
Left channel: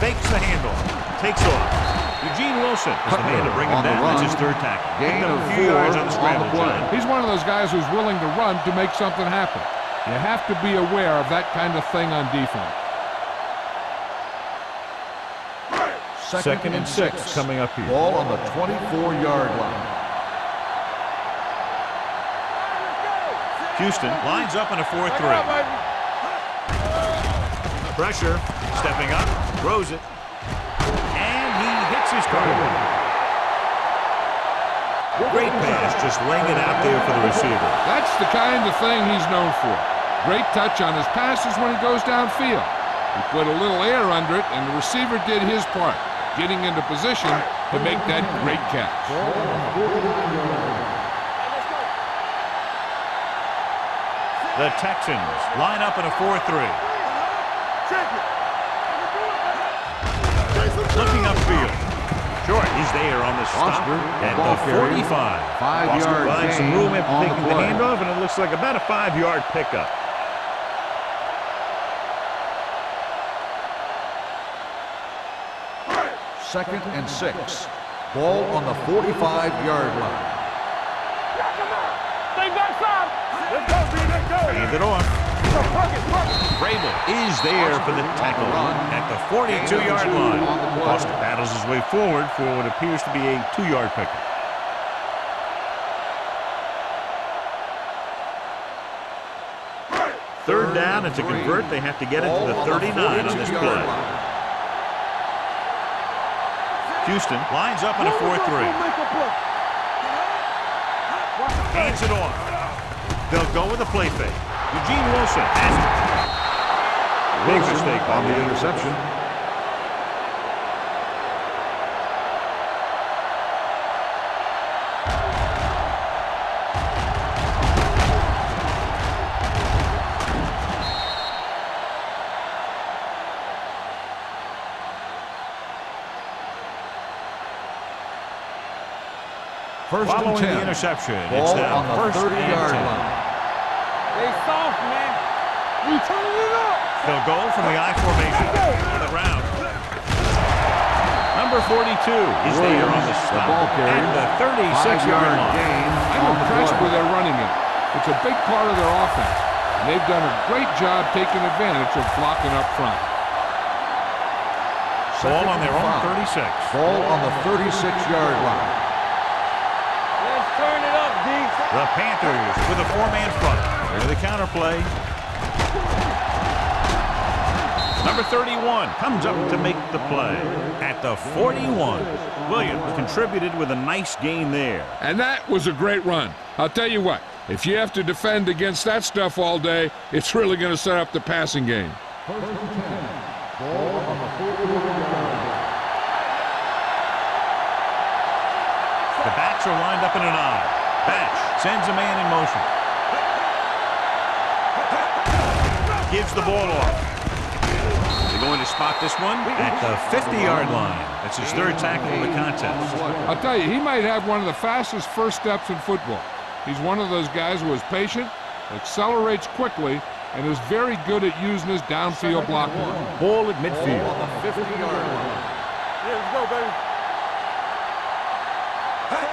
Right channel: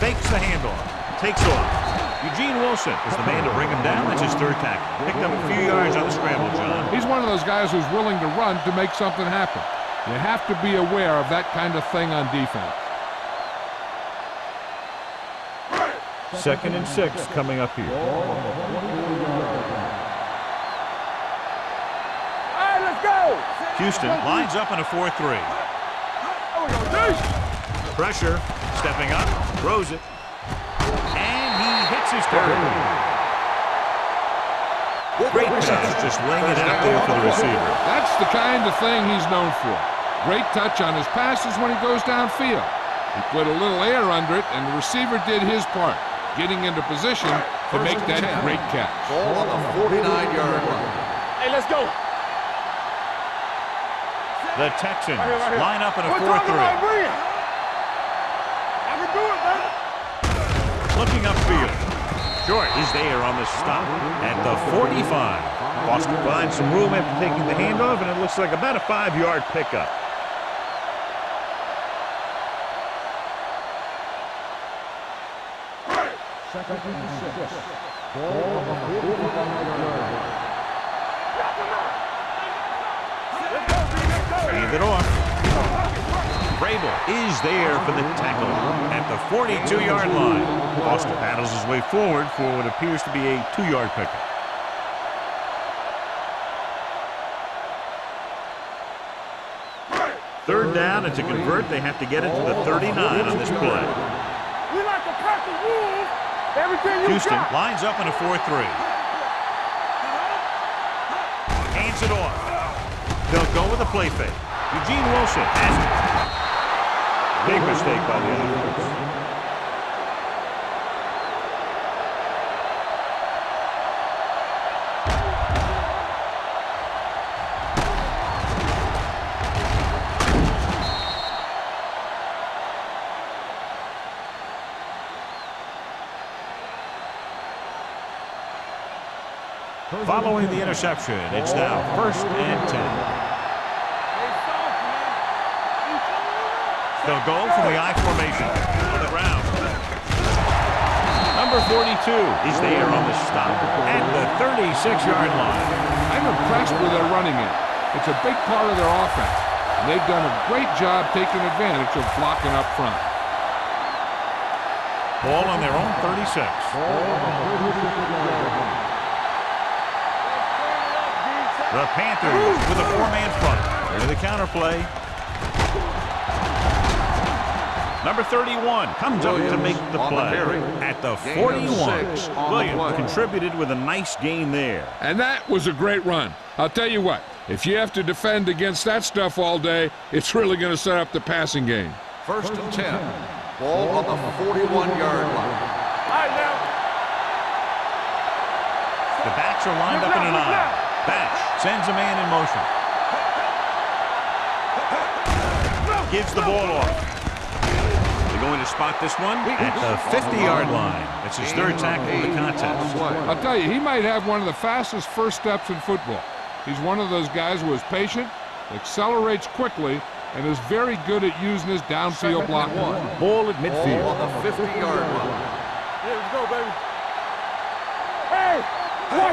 Fakes the handoff. takes off. Eugene Wilson was the man to bring him down. That's his third tackle. Picked up a few yards on the scramble, John. He's one of those guys who's willing to run to make something happen. You have to be aware of that kind of thing on defense. 2nd and 6 coming up here. Ball on the 24-yard line. All right, let's go. Houston lines up in a 4-3. Pressure, stepping up, throws it, and he hits his target. Great pass, just laying it out there for the receiver. That's the kind of thing he's known for. Great touch on his passes when he goes downfield. He put a little air under it, and the receiver did his part, getting into position to make that great catch. Ball on the 49-yard line. Hey, let's go. The Texans line up in a 4-3. I can do it, baby. Looking upfield. Short, he's there on the stop at the 45. Foster finds some room after taking the handoff, and it looks like about a 5-yard pickup. Second and 6. Ball on the 45-yard line. Knock him out. Stay back five. Let's go, D. Let's go. Hand it off. Vrabel is there for the tackle at the 42-yard line. Foster battles his way forward for what appears to be a 2-yard pickup. Third down, and to convert, they have to get it to the 39 on this play. We like to cut the rules. Everything Houston lines up in a 4-3. Hands it off. They'll go with a play fake. Eugene Wilson has it. Big mistake by the interception. Following the interception, it's now 1st and 10. They soft, man. You turning it up. They'll go from the I formation on the ground. Number 42 is there on the stop at the 36-yard line. I'm impressed with their running game. It's a big part of their offense, and they've done a great job taking advantage of blocking up front. Ball on their own 36. Ball on the 36-yard line. Let's turn it up, D. The Panthers with a 4-man front. There's the counter play. Number 31 comes up to make the play at the 41. Williams contributed with a nice gain there. And that was a great run. I'll tell you what, if you have to defend against that stuff all day, it's really going to set up the passing game. 1st and 10. Ball on the 41-yard line. All right, now. The backs are lined up in an I. Batch sends a man in motion. Gives the ball off. They're going to spot this one at the 50-yard line. That's his 3rd tackle of the contest. I'll tell you, he might have one of the fastest first steps in football. He's one of those guys who is patient, accelerates quickly, and is very good at using his downfield blocking. Ball at midfield. Ball on the 50-yard line. Yeah, let's go, baby. Hey.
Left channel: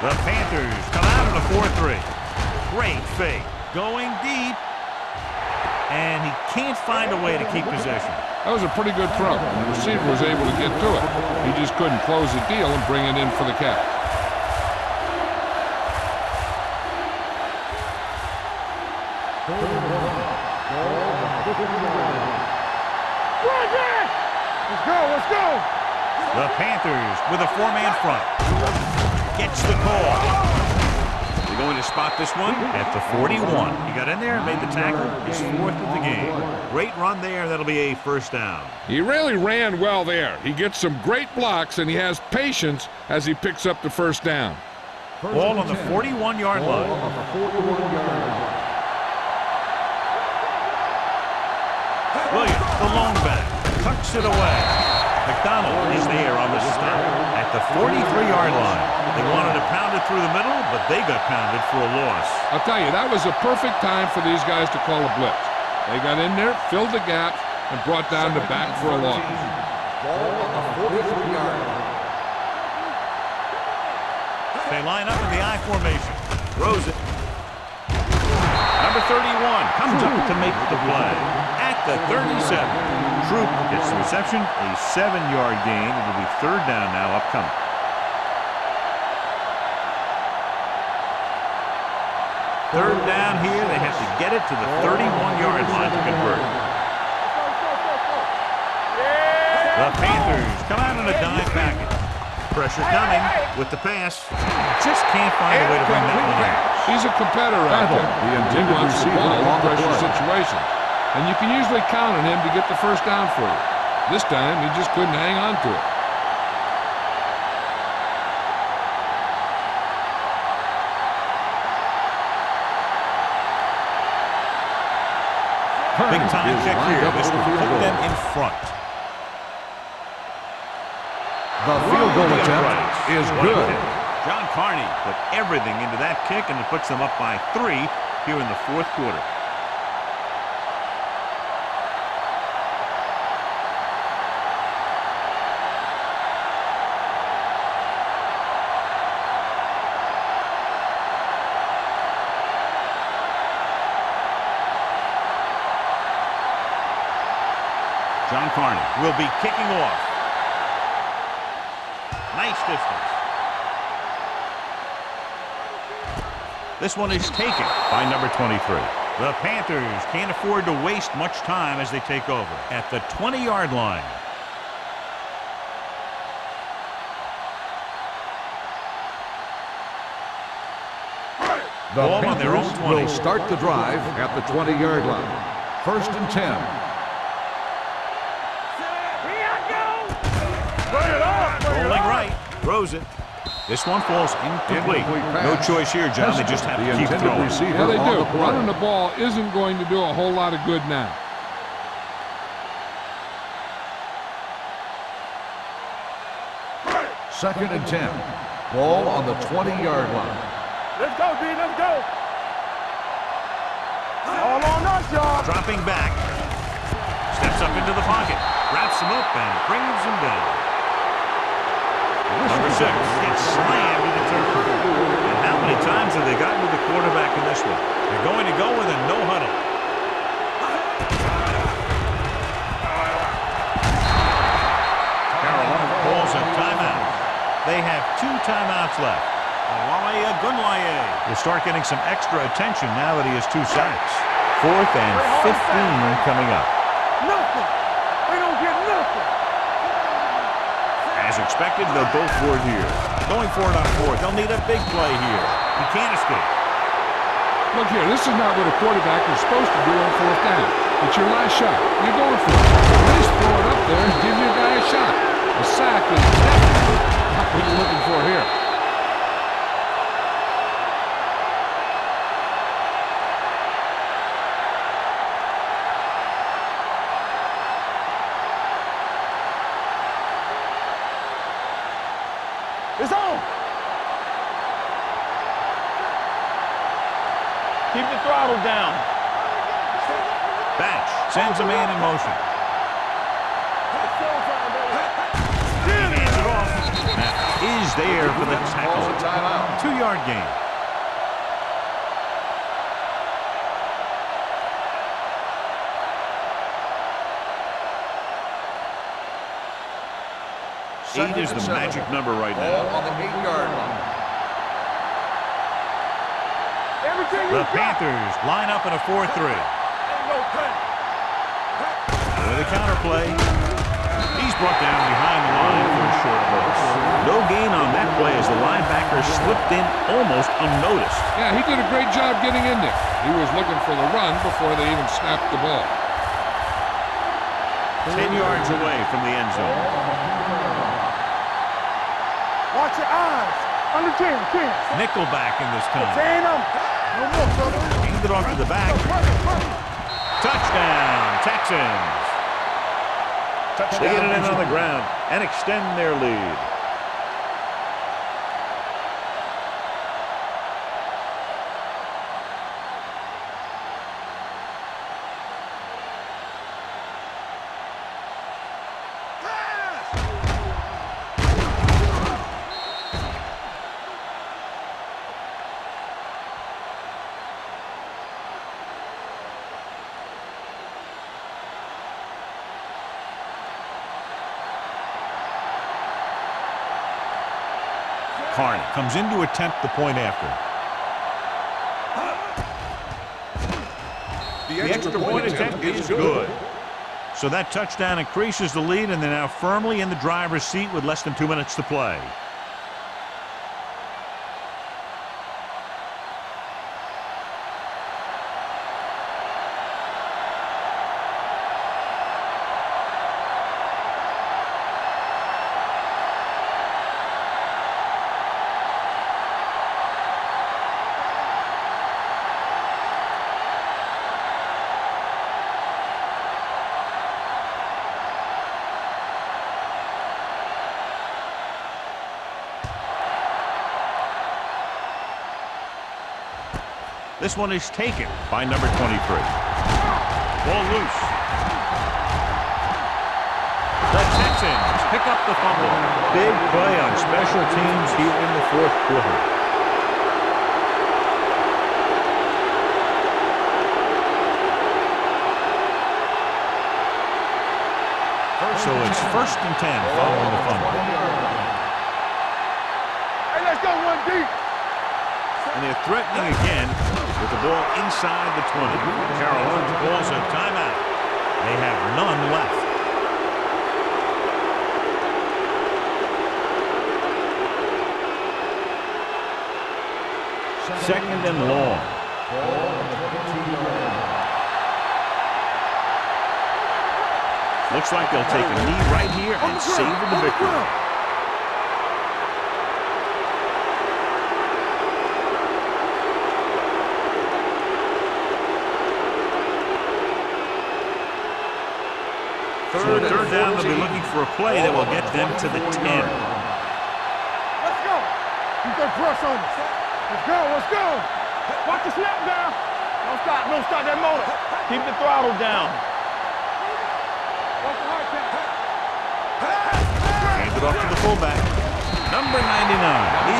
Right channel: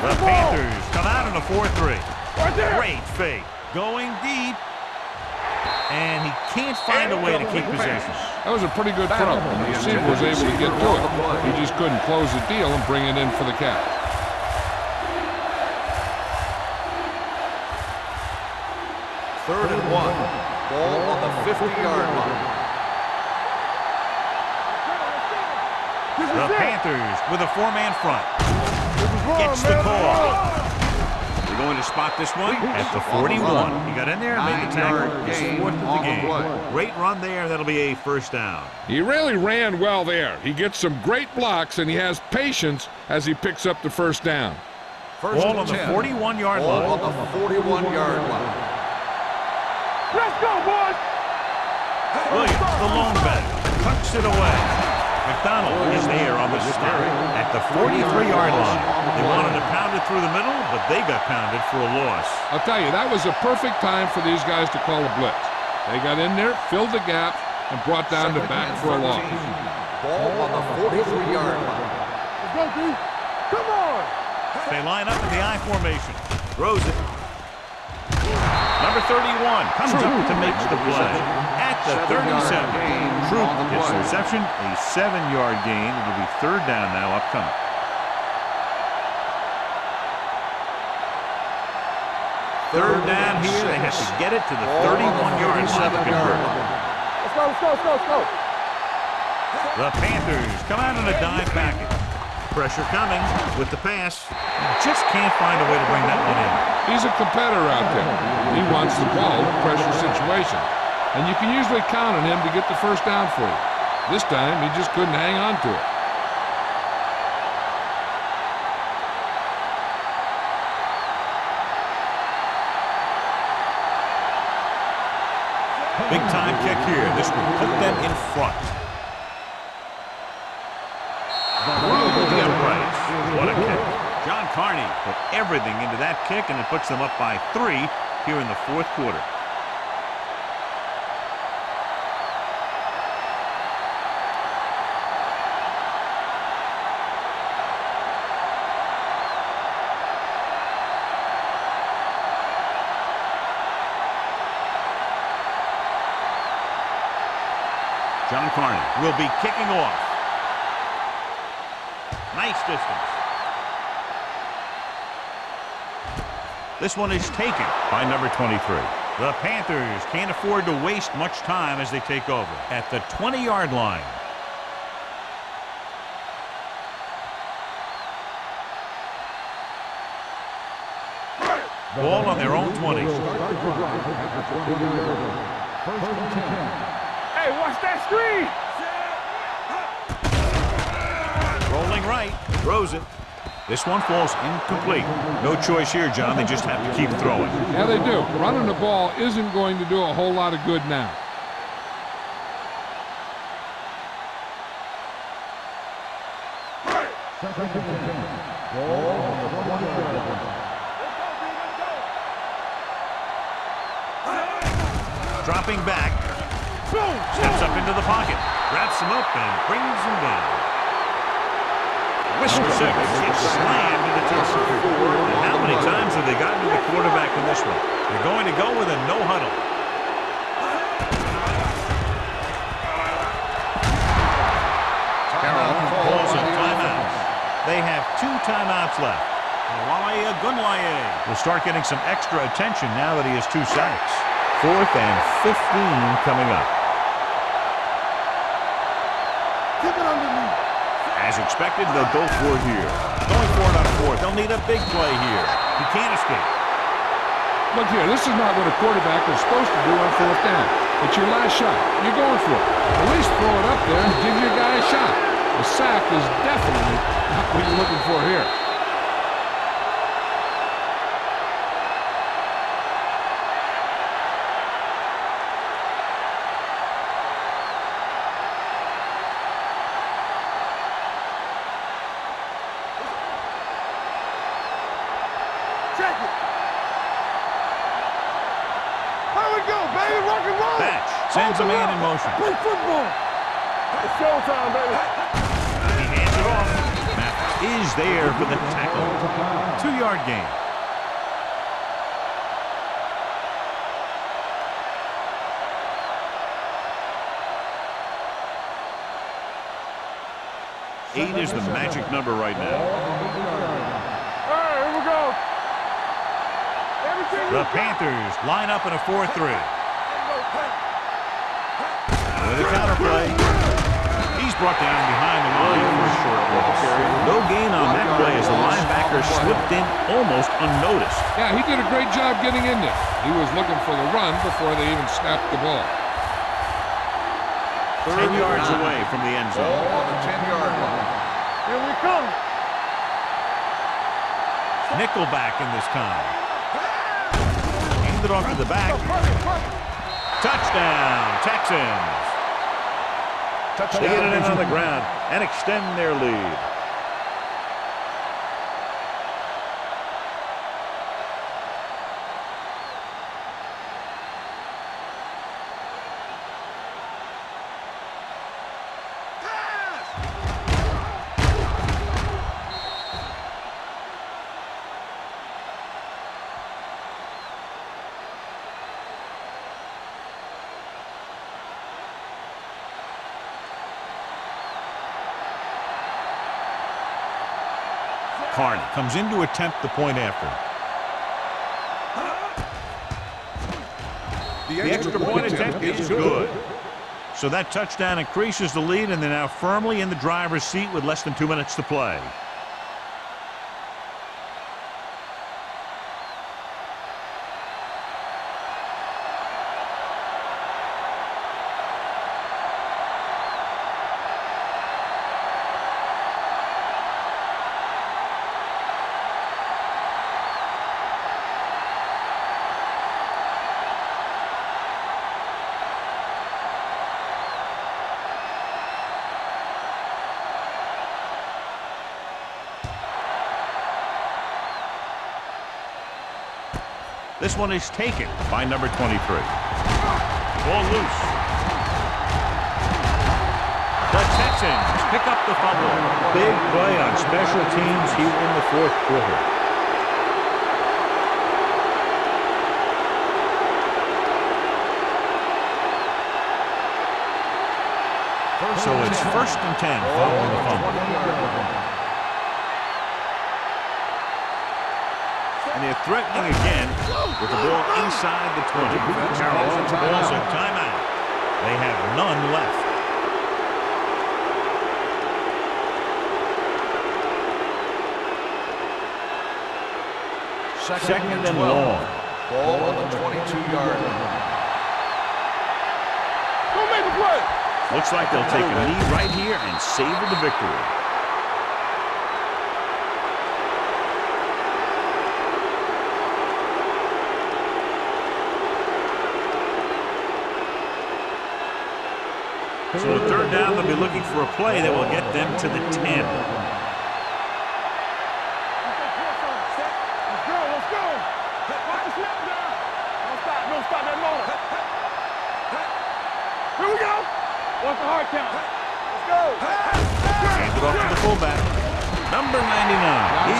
The Panthers come out in a 4-3. Great fake. Going deep. And he can't find a way to keep possession. That was a pretty good throw, and the receiver was able to get to it. He just couldn't close the deal and bring it in for the catch. Third and 1. Ball on the 50-yard line. Let's go, let's go. The Panthers with a 4-man front. Gets the call. They're going to spot this one at the 41. He got in there and made the tackle, his 4th of the game. Great run there, that'll be a 1st down. He really ran well there. He gets some great blocks, and he has patience as he picks up the 1st down. Ball on the 41-yard line. Ball on the 41-yard line. Let's go, boys. Williams, the lone back, tucks it away. McDonald is there on the stop at the 43-yard line. They wanted to pound it through the middle, but they got pounded for a loss. I'll tell you, that was a perfect time for these guys to call a blitz. They got in there, filled the gaps, and brought down the back for a loss. Ball on the 43-yard line. Let's go, B. Come on. They line up in the I formation. Throws it. Number 31 comes up to make the play at the 37. Troop gets the reception, a 7-yard gain. It'll be third down now upcoming. Third down here. They have to get it to the 31-yard line to convert. Let's go, let's go, let's go, let's go. The Panthers come out in a dime package. Pressure coming with the pass. Just can't find a way to bring that one in. He's a competitor out there. He wants the ball in pressure situations. And you can usually count on him to get the first down for you. This time, he just couldn't hang on to it. Big time kick here. This will put them in front. Through the uprights. What a kick. John Carney put everything into that kick, and it puts them up by 3 here in the fourth quarter. John Carney will be kicking off. Nice distance. This one is taken by number 23. The Panthers can't afford to waste much time as they take over at the 20-yard line. Ball on their own 20. Will start the drive at the 20-yard line. First and 10. Hey, watch that screen. Rolling right. Throws it. This one falls incomplete. No choice here, John. They just have to keep throwing. Yeah, they do. Running the ball isn't going to do a whole lot of good now. Second and 10. Ball on the 20-yard line. Let's go, B, let's go. Dropping back. Steps up into the pocket. Wraps him up and brings him down. Number 6 gets slammed to the turf. And how many times have they gotten to the quarterback in this one? They're going to go with a no huddle. Carolina calls a timeout. They have 2 timeouts left. Awale Agunlaye will start getting some extra attention now that he has 2 sacks. 4th and 15 coming up. As expected, they'll go for it here. Going for it on 4th. They'll need a big play here. He can't escape. Look here, this is not what a quarterback is supposed to do on 4th down. It's your last shot. You're going for it. At least throw it up there and give your guy a shot. A sack is definitely not what you're looking for here. It's on. Check it. Keep the throttle down. There we go, baby. Rock and roll. Batch sends a man in motion. Play football. It's showtime, baby. He hands it off. Matt is there for the tackle. 2-yard gain. Eight is the magic number right now. Ball on the 8-yard line. All right, here we go. Everything The you got. Panthers line up in a 4-3. Ain't no pain. With a counterplay. He's brought down behind the line for a short loss. No gain on that play as the linebacker slipped in almost unnoticed. Yeah, he did a great job getting in there. He was looking for the run before they even snapped the ball. 10 yards away from the end zone. Ball on the 10-yard line. Here we come. Watch your eyes. Under 10. Nickelback in this time. Stand up. Hand it off to the back. Perfect, perfect. Touchdown, Texans. They get it in on the ground and extend their lead. Carney comes in to attempt the point after. The extra point attempt is good. So that touchdown increases the lead, and they're now firmly in the driver's seat with less than 2 minutes to play. This one is taken by number 23. Ball loose. The Texans pick up the fumble. Big play on special teams here in the fourth quarter. So it's 1st and 10 following the fumble. And they're threatening again with the ball inside the 20. Carolina calls a timeout. They have none left. Second and long. Ball on the 22-yard line. Looks like they'll take a knee right here and savor the victory. So at third down, they'll be looking for a play that will get them to the 10. Let's go. Keep that press on. Let's go. Let's go. Watch the snap down. Don't stop. Don't stop that motor. Keep the throttle down. Here we go. Watch the hard count. Hands it off to the fullback. Number 99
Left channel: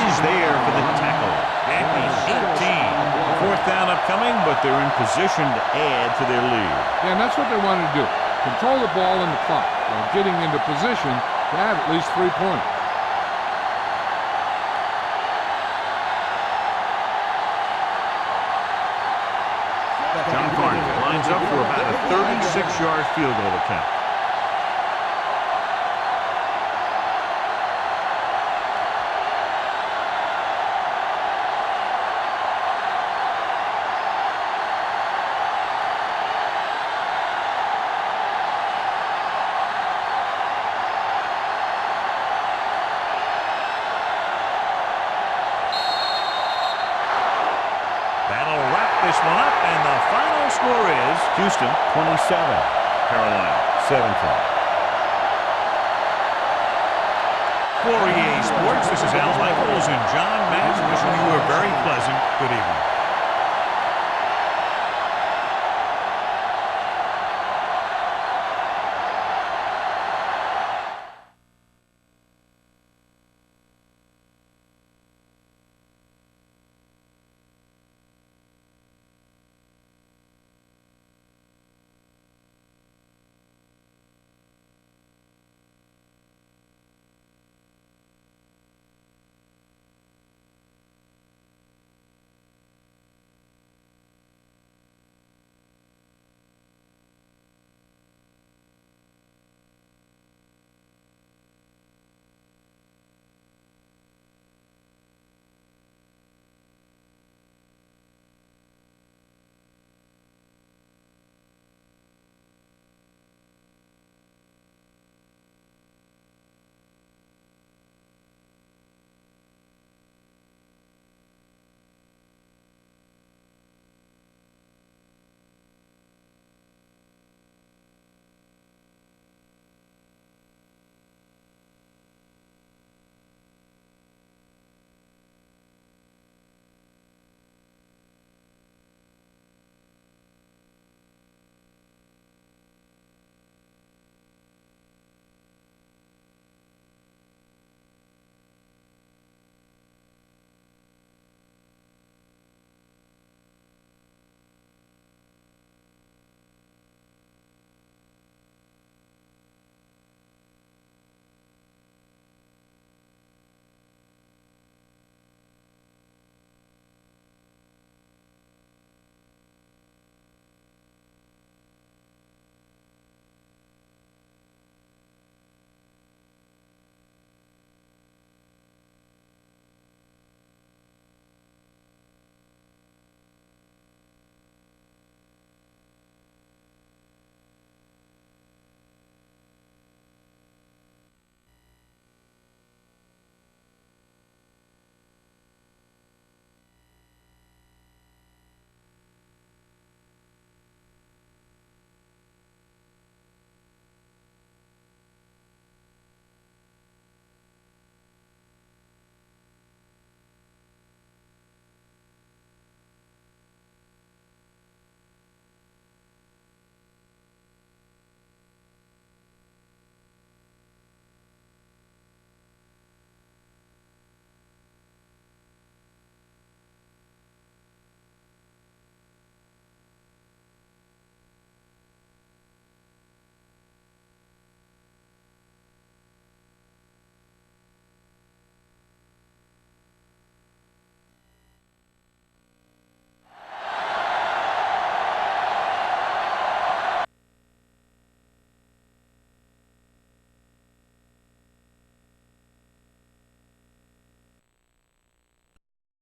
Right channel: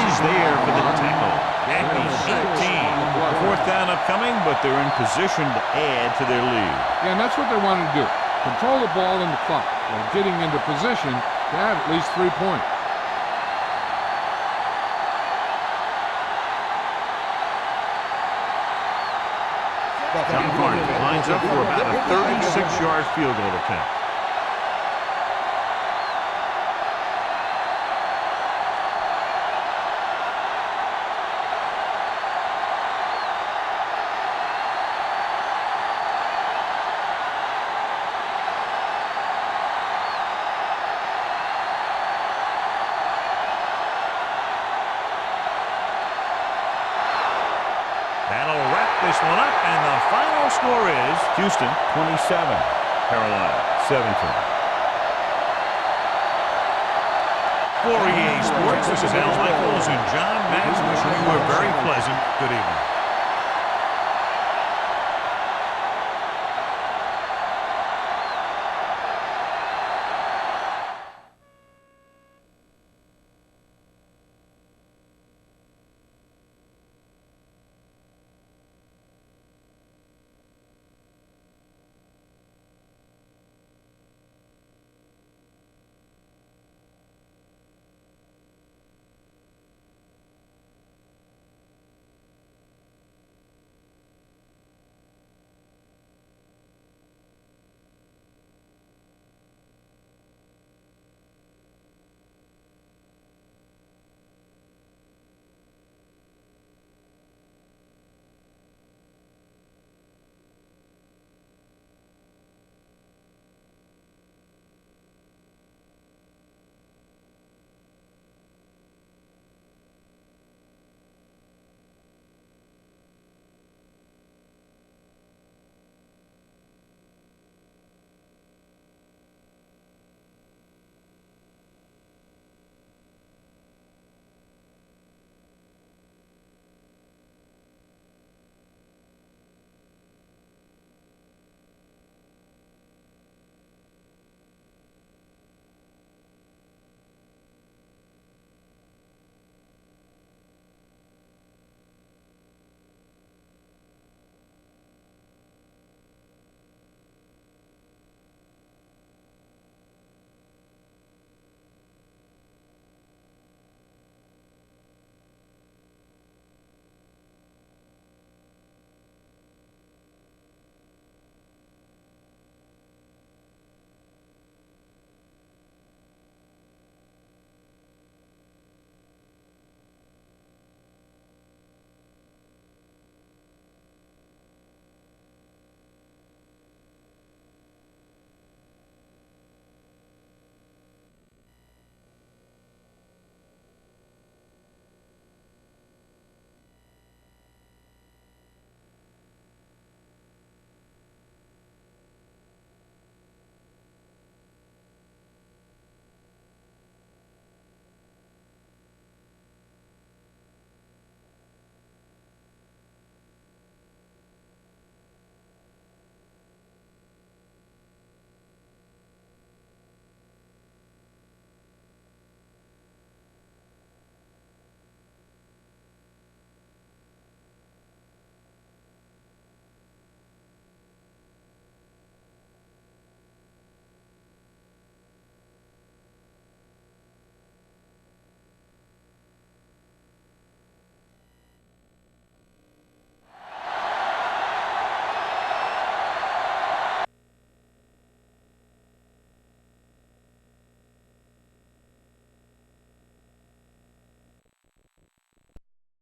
is there for the tackle at the 18. Fourth down upcoming, but they're in position to add to their lead. Yeah, and that's what they wanted to do. Control the ball and the clock while getting into position to have at least 3 points. John Carney lines up for about a 36-yard field goal attempt. That'll wrap this one up, and the final score is Houston 27, Carolina 17. For EA Sports, this is Al Michaels and John Madden wishing you a very pleasant good evening.